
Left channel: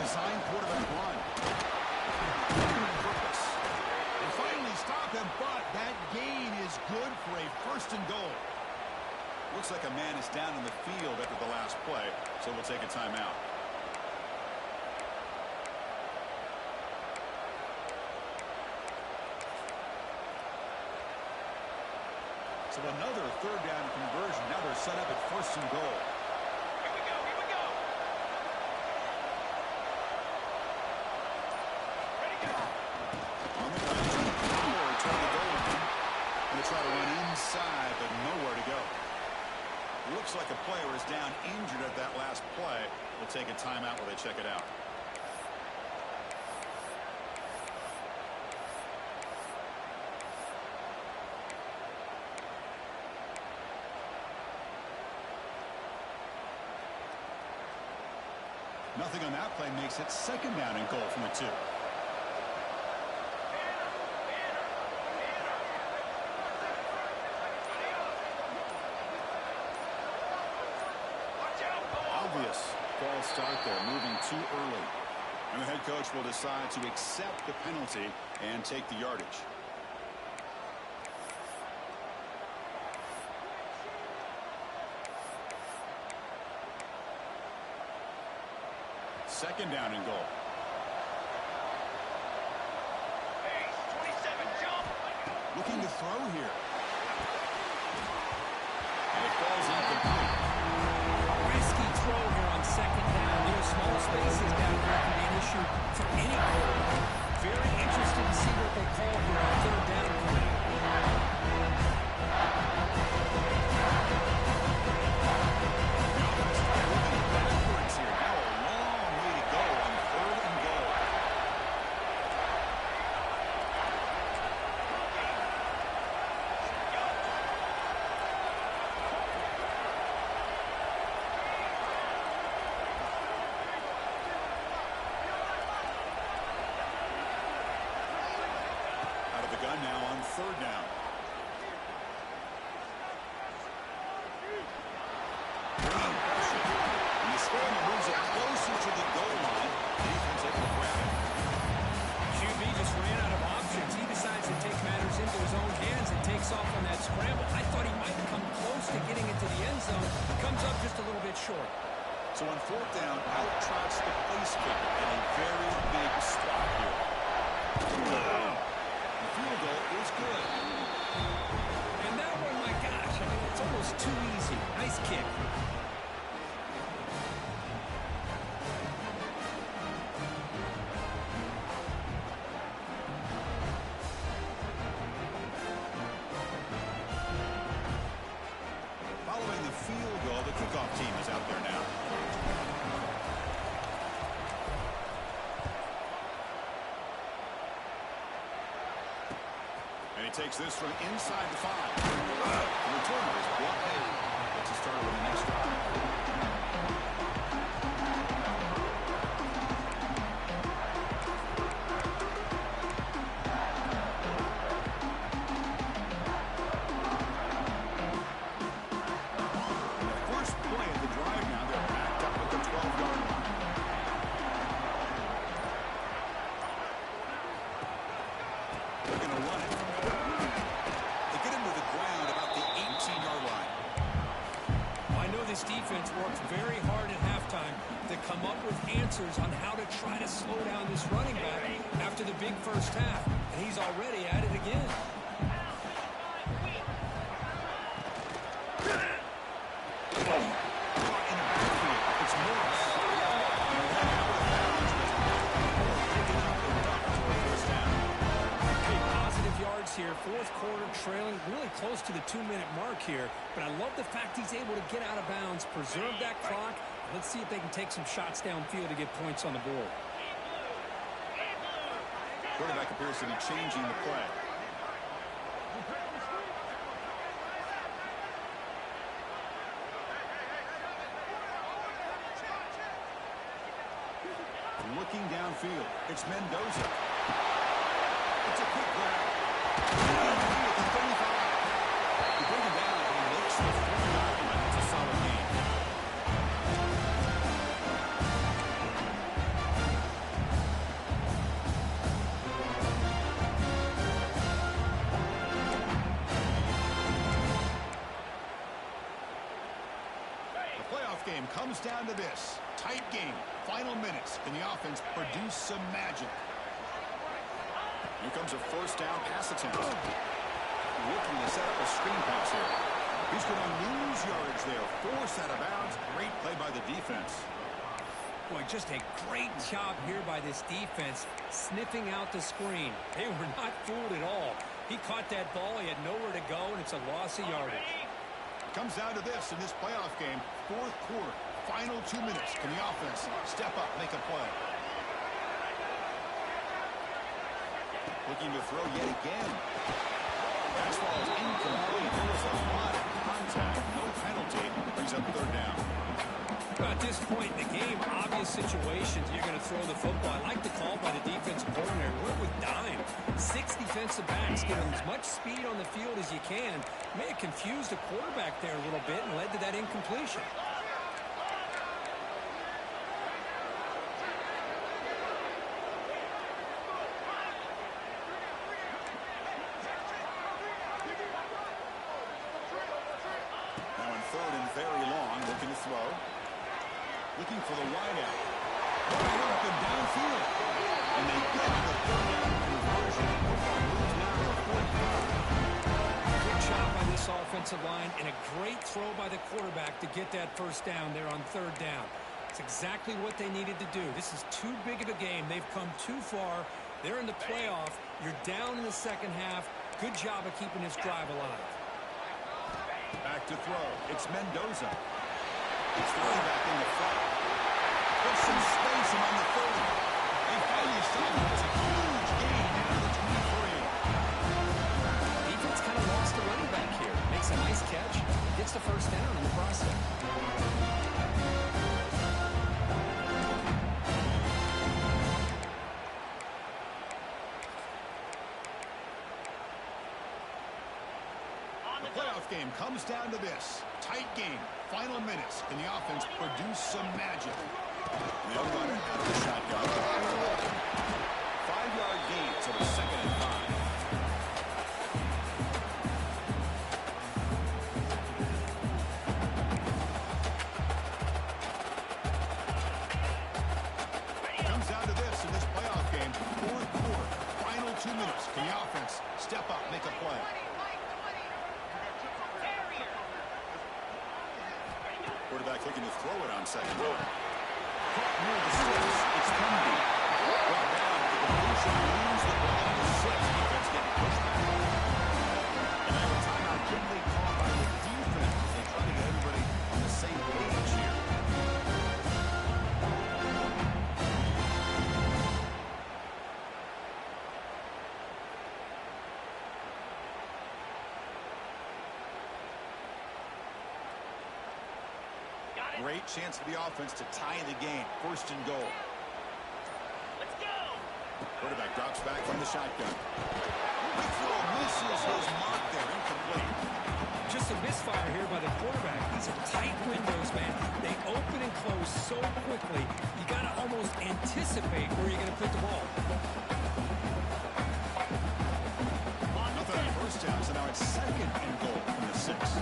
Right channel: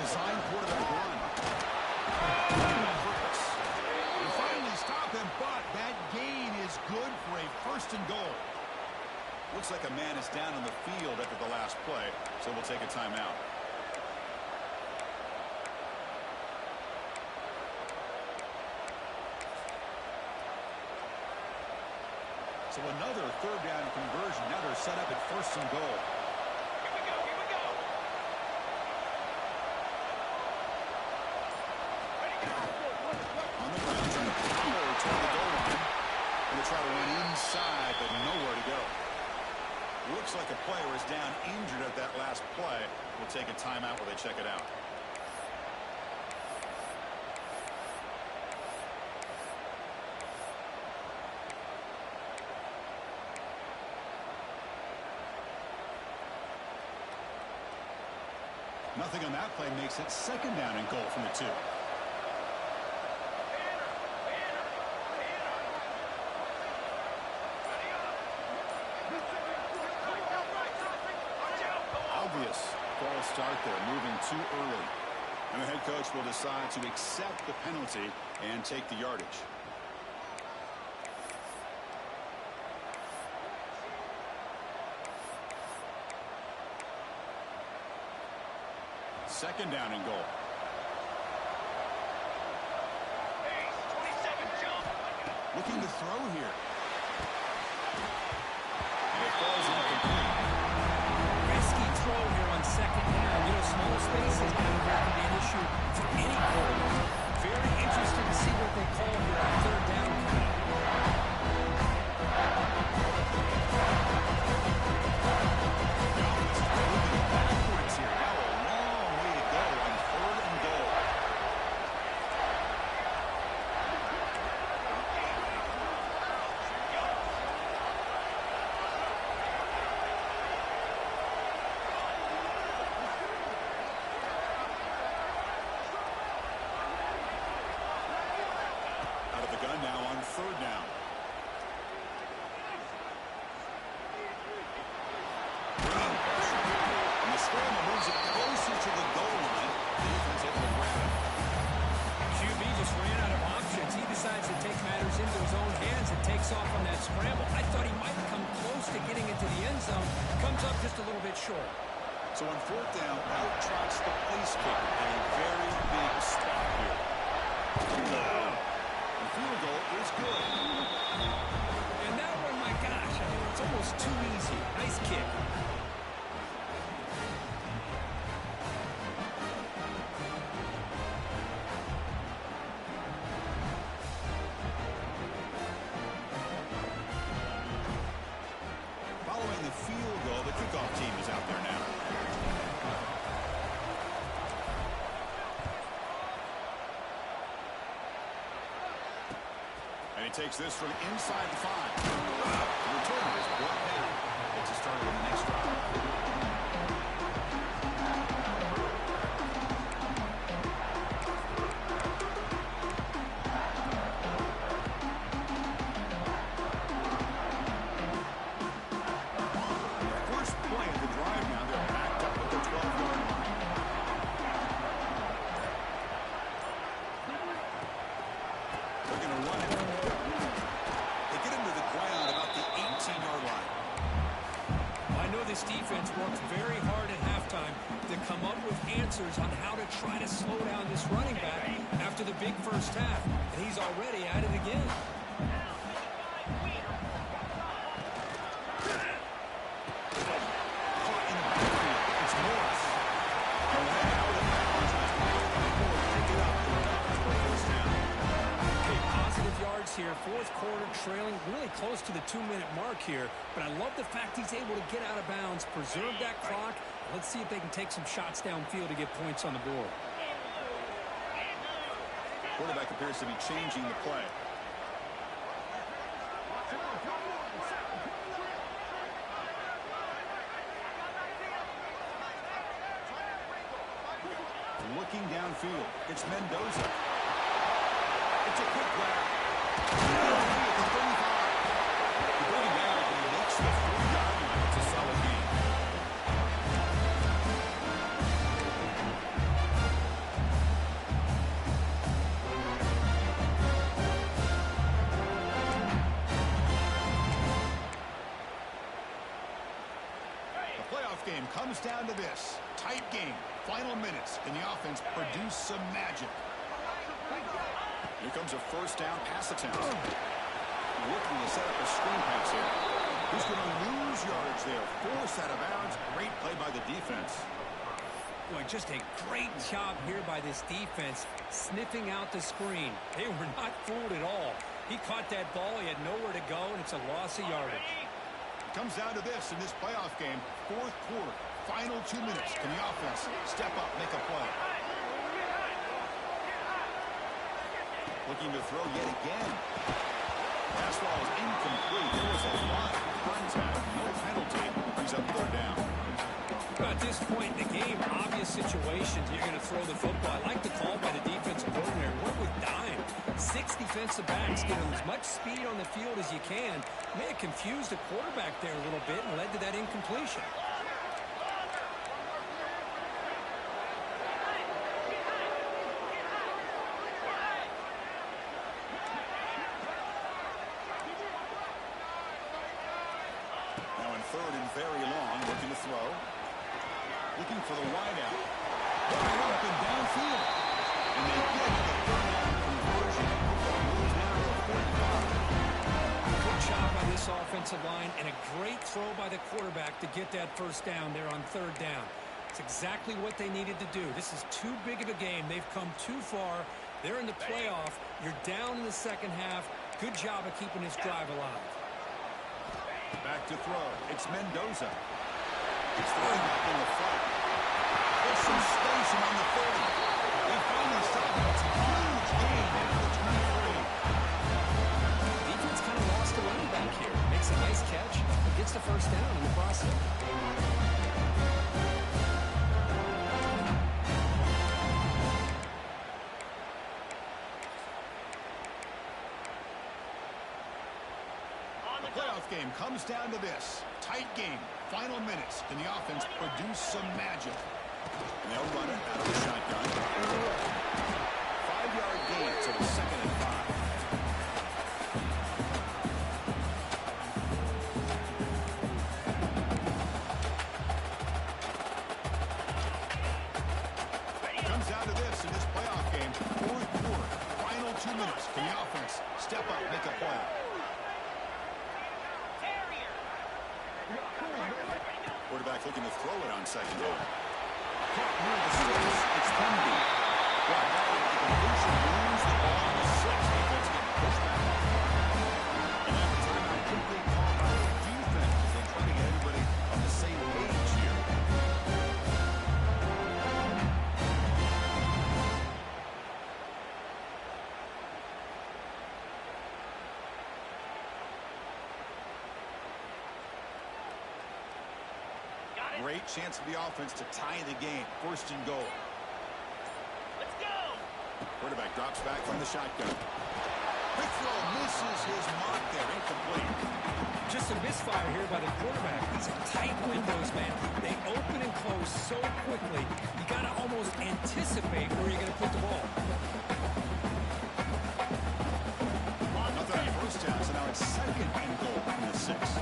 Design quarterback run. Purpose. They finally stop him, but that gain is good for a first and goal. Looks like a man is down on the field after the last play, so we'll take a timeout. So another third down conversion. Now they're set up at first and goal. Here we go, here we go. Ready, go. On the ground, trying to power toward the goal line. Going to try to run inside, but nowhere to go. Looks like a player is down injured at that last play. We'll take a timeout while they check it out. Nothing on that play makes it second down and goal from the 2. Obvious false start there, moving too early. And the head coach will decide to accept the penalty and take the yardage. Second down and goal. Pace, 27, jump. Looking to throw here. And it falls incomplete. Risky throw here on second down. You know, small spaces down here can be an issue for any quarterback. Very interested to see what they call here on third down coming up. The offense is moving backwards here. Now a long way to go on third and goal. Out of the gun now on third down. Bringing pressure. And the scramble moves it closer to the goal line. The defense able to grab it. QB just ran out of options. He decides to take matters into his own hands and takes off on that scramble. I thought he might come close to getting into the end zone. Comes up just a little bit short. So on fourth down, out trots the place kicker in a very big spot here. The field goal is good. And that one, my gosh, I mean, it's almost too easy. Nice kick. Following the field goal, the kickoff team is out there now. And he takes this from inside the 5. The returner is brought down. Gets a starter on the next drive. The first play of the drive now, they're backed up at the 12-yard line. They're going to run it. They get him to the ground about the 18-yard line. Well, I know this defense worked to come up with answers on how to try to slow down this running back after the big first half. And he's already at it again. Caught in the backfield. It's Morris. And went out of bounds as Ford pick it up and duck for a first down. Okay, positive yards here. Fourth quarter trailing really close to the 2-minute mark here. But I love the fact he's able to get out of bounds, preserve that clock. Let's see if they can take some shots downfield to get points on the board. Quarterback appears to be changing the play. Looking downfield. It's Mendoza. It's a quick grab. At the 35. You bring it down, and he makes the 40-yard line. It's a solid game. The playoff game comes down to this. Tight game. Final minutes. Can the offense produce some magic? Here comes a first down pass attempt. Looking to set up a screen pass here. He's going to lose yards there. Force out of bounds. Great play by the defense. Boy, just a great job here by this defense, sniffing out the screen. They were not fooled at all. He caught that ball. He had nowhere to go, and it's a loss of yardage. It comes down to this in this playoff game. Fourth quarter. Final 2 minutes. Can the offense step up, make a play? Looking to throw yet again. Pass ball is incomplete. There was a lot of contact. No penalty. Brings up third down. At this point in the game, obvious situations, you're going to throw the football. I like the call by the defensive coordinator. Went with dime. 6 defensive backs, get as much speed on the field as you can. May have confused the quarterback there a little bit and led to that incompletion. Third and very long, looking to throw. Looking for the wideout. Wide open downfield. And they get the third down conversion. Football moves now to a 45. Good job by this offensive line and a great throw by the quarterback to get that first down there on third down. It's exactly what they needed to do. This is too big of a game. They've come too far. They're in the playoff. You're down in the second half. Good job of keeping this drive alive. Back to throw. It's Mendoza. He's throwing back in the flat. There's some space around the 30. They finally stop it. It's a huge gain down to the 23. Defense kind of lost the running back here. Makes a nice catch and gets the first down in the process. Playoff game comes down to this. Tight game. Final minutes. Can the offense produce some magic? And they'll run it out of the shotgun. 5-yard gain, so it's 2nd and 5. Comes down to this in this playoff game. Fourth quarter. Final 2 minutes. Can the offense step up, make a play? Quarterback looking to throw it on second down. Caught near the 6. It's Pendy. Brought down with the completion. Lose the ball on the 6. Defense getting pushed back. And now a timeout quickly called by the defense as they try to get everybody on the same page here. Great chance for the offense to tie the game. 1st and goal. Let's go. Quarterback drops back from the shotgun. Quick throw misses his mark there. Incomplete. Just a misfire here by the quarterback. These are tight windows, man. They open and close so quickly. You got to almost anticipate where you're going to put the ball. Nothing on first down, so now it's 2nd and goal from the 6.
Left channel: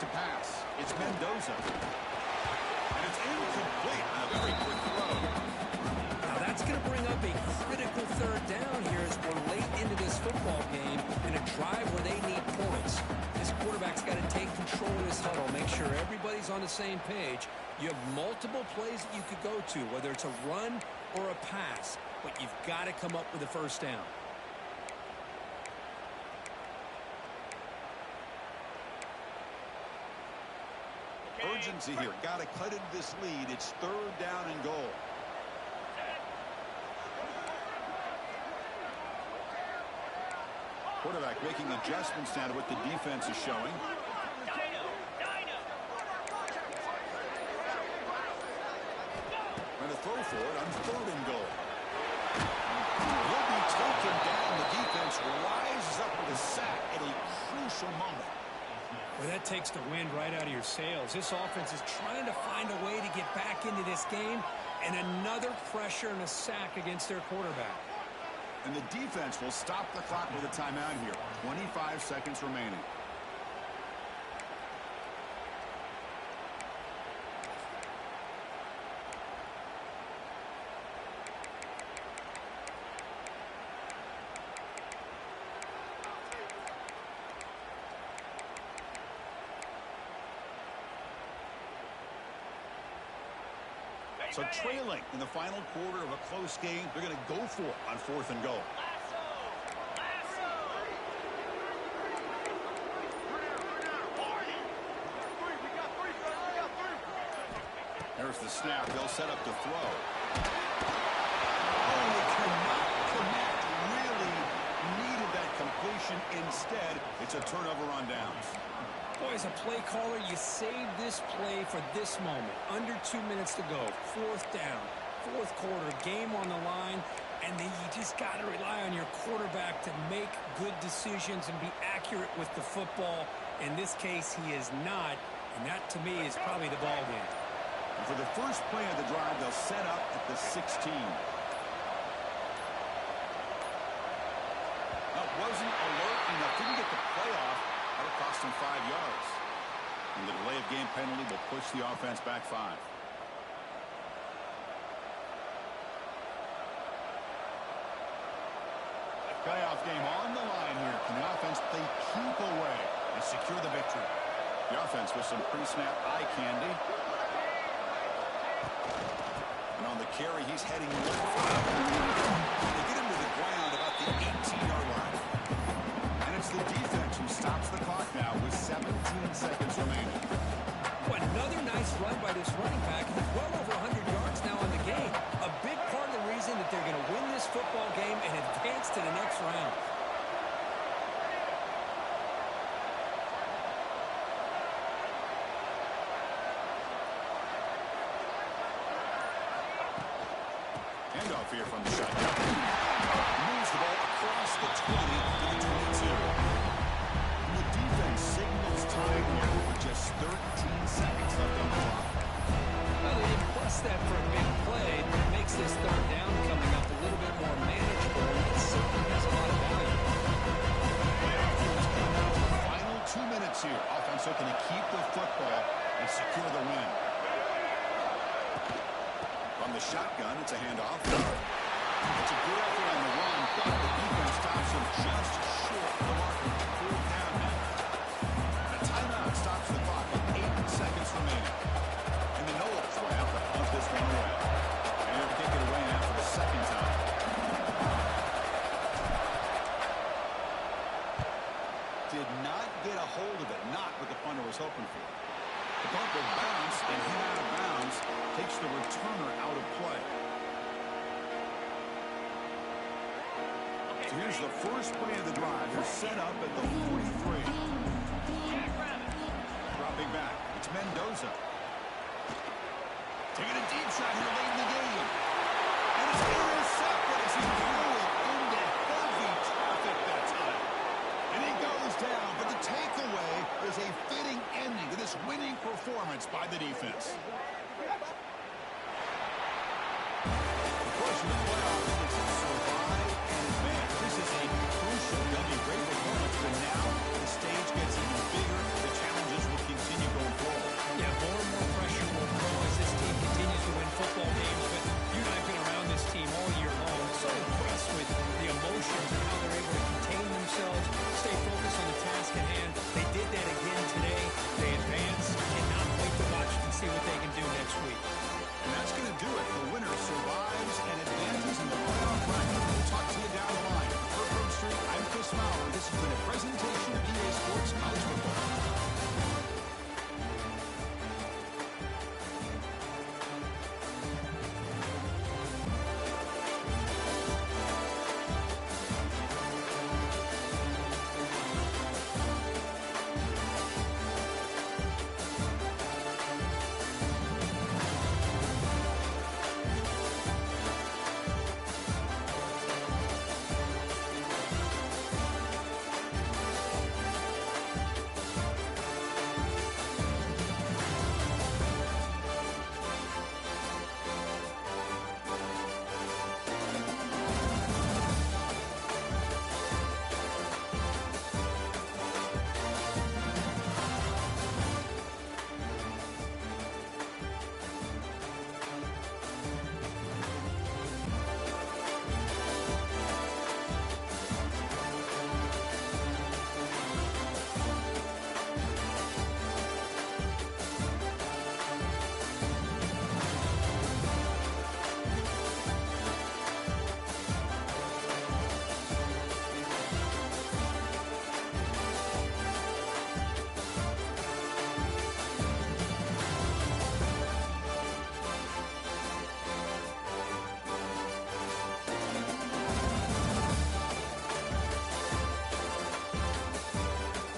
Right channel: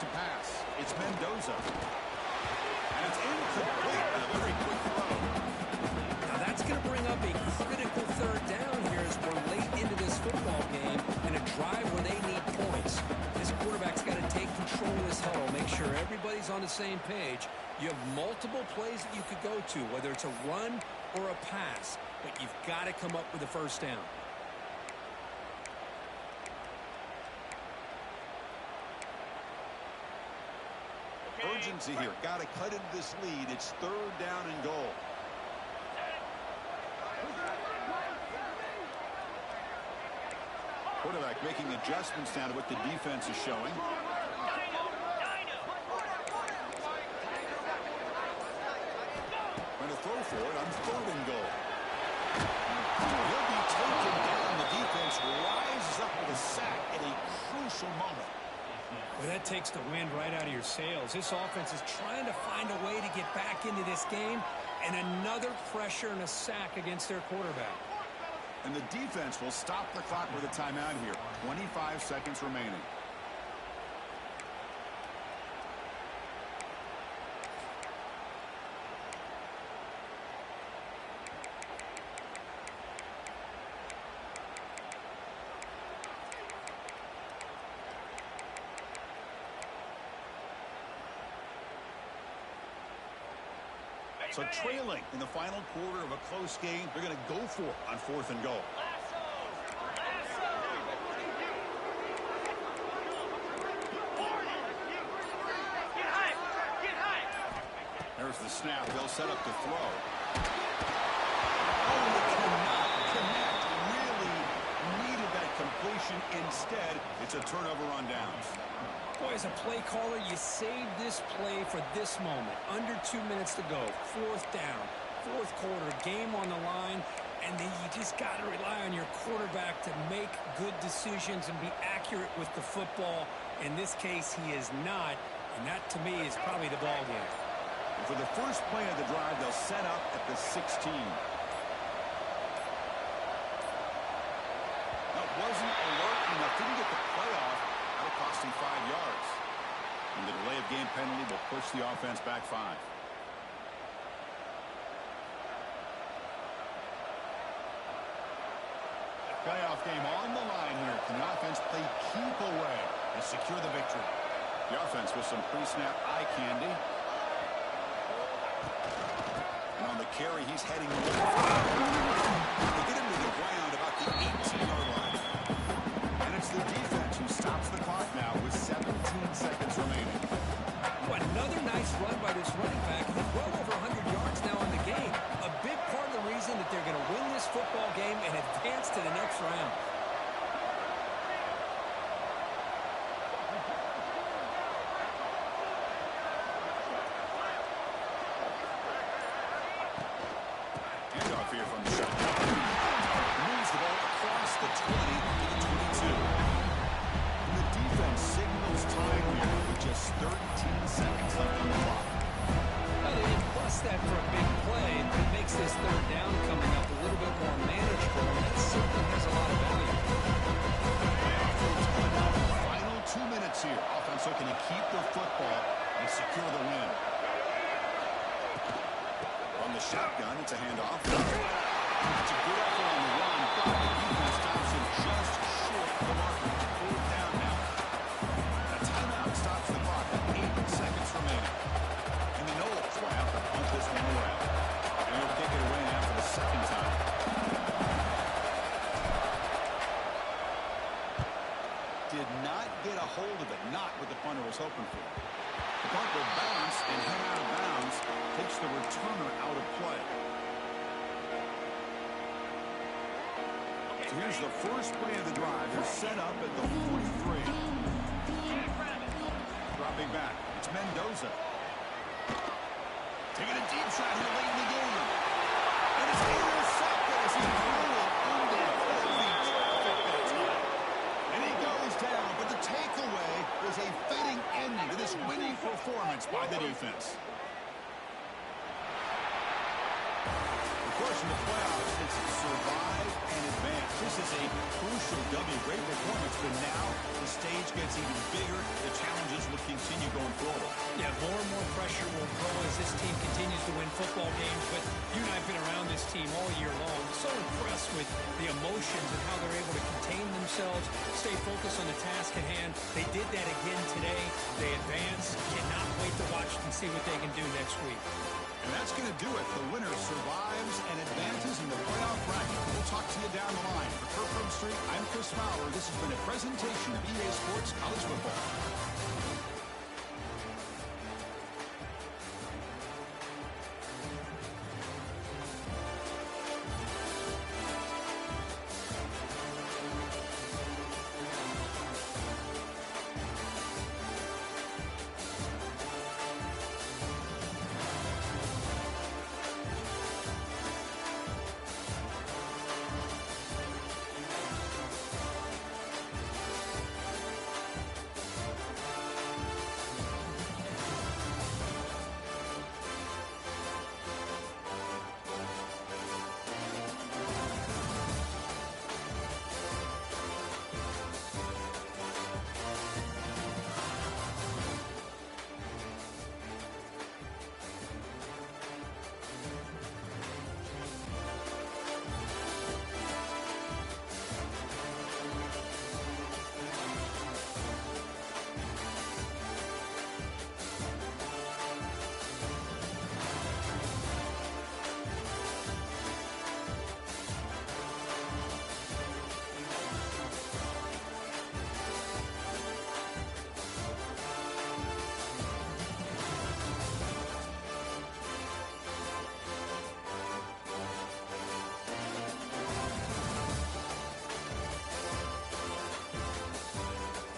to pass. It's Mendoza. And it's incomplete on a very quick throw. Now that's going to bring up a critical third down here as we're late into this football game and a drive where they need points. This quarterback's got to take control of this huddle, make sure everybody's on the same page. You have multiple plays that you could go to, whether it's a run or a pass, but you've got to come up with a first down. Urgency here. Got to cut into this lead. It's third down and goal. Quarterback making adjustments now to what the defense is showing. Trying to throw for it on third and goal. He'll be taken down. The defense rises up with a sack at a crucial moment. Well, that takes the wind right out of your sails. This offense is trying to find a way to get back into this game, and another pressure and a sack against their quarterback. And the defense will stop the clock with a timeout here. 25 seconds remaining. So trailing in the final quarter of a close game, they're going to go for it on fourth and goal. There's the snap. They'll set up to throw. Oh, they cannot connect. Really needed that completion. Instead, it's a turnover on downs. Boy, as a play caller, you save this play for this moment. Under 2 minutes to go. Fourth down. Fourth quarter. Game on the line. And then you just got to rely on your quarterback to make good decisions and be accurate with the football. In this case, he is not. And that, to me, is probably the ball game. And for the first play of the drive, they'll set up at the 16. That wasn't alert enough. Didn't get the play off. That'll cost him 5 yards. And the delay of game penalty will push the offense back 5. Playoff game on the line here. Can the offense play keep away and secure the victory? The offense with some pre-snap eye candy. And on the carry, he's heading left. They get him to the ground about the 18-yard line. And it's the defense who stops the clock now with 17 seconds remaining. Well, another nice run by this running back. He's well over 100 yards now on the game. A big part of the reason that they're going to win this football game and advance to the next round. Handoff here from the shotgun. Moves the ball across the 20 to the 22. And the defense signals time here with just 13 seconds left on the clock. Well, they didn't bust that for a big play, but it makes this third down coming up a little bit more manageable, and that certainly has a lot of value. It's coming down to the final 2 minutes here. Offense looking to keep the football and secure the win. From the shotgun, it's a handoff. It's a good effort on the run, but the defense stops him just short of the marker. Fourth down now. And a timeout stops the clock with 8 seconds remaining. And the Noles will have to punt this one away. And he'll kick it away now for the second time. Did not get a hold of it. Not what the punter was hoping for. The punt will bounce and head out of bounds. Takes the returner out of play. So here's the first play of the drive. They're set up at the 43. Dropping back. It's Mendoza. Taking a deep shot here late in the game. And it's intercepted as he threw it into heavy traffic that time. And he goes down, but the takeaway is a fitting ending to this winning performance by the defense. The course, in the playoffs, it's survive and advance. This is a crucial W. Great performance, but now the stage gets even bigger. The challenges will continue going forward. Yeah, more and more pressure will grow as this team continues to win football games. But you and I have been around this team all year long. So impressed with the emotions and how they're able to contain themselves, stay focused on the task at hand. They did that again today. They advance. Cannot wait to watch and see what they can do next week. And that's going to do it. The winner survives and advances in the playoff bracket. We'll talk to you down the line. For Kirk Street, I'm Chris Maurer. This has been a presentation of EA Sports College Football.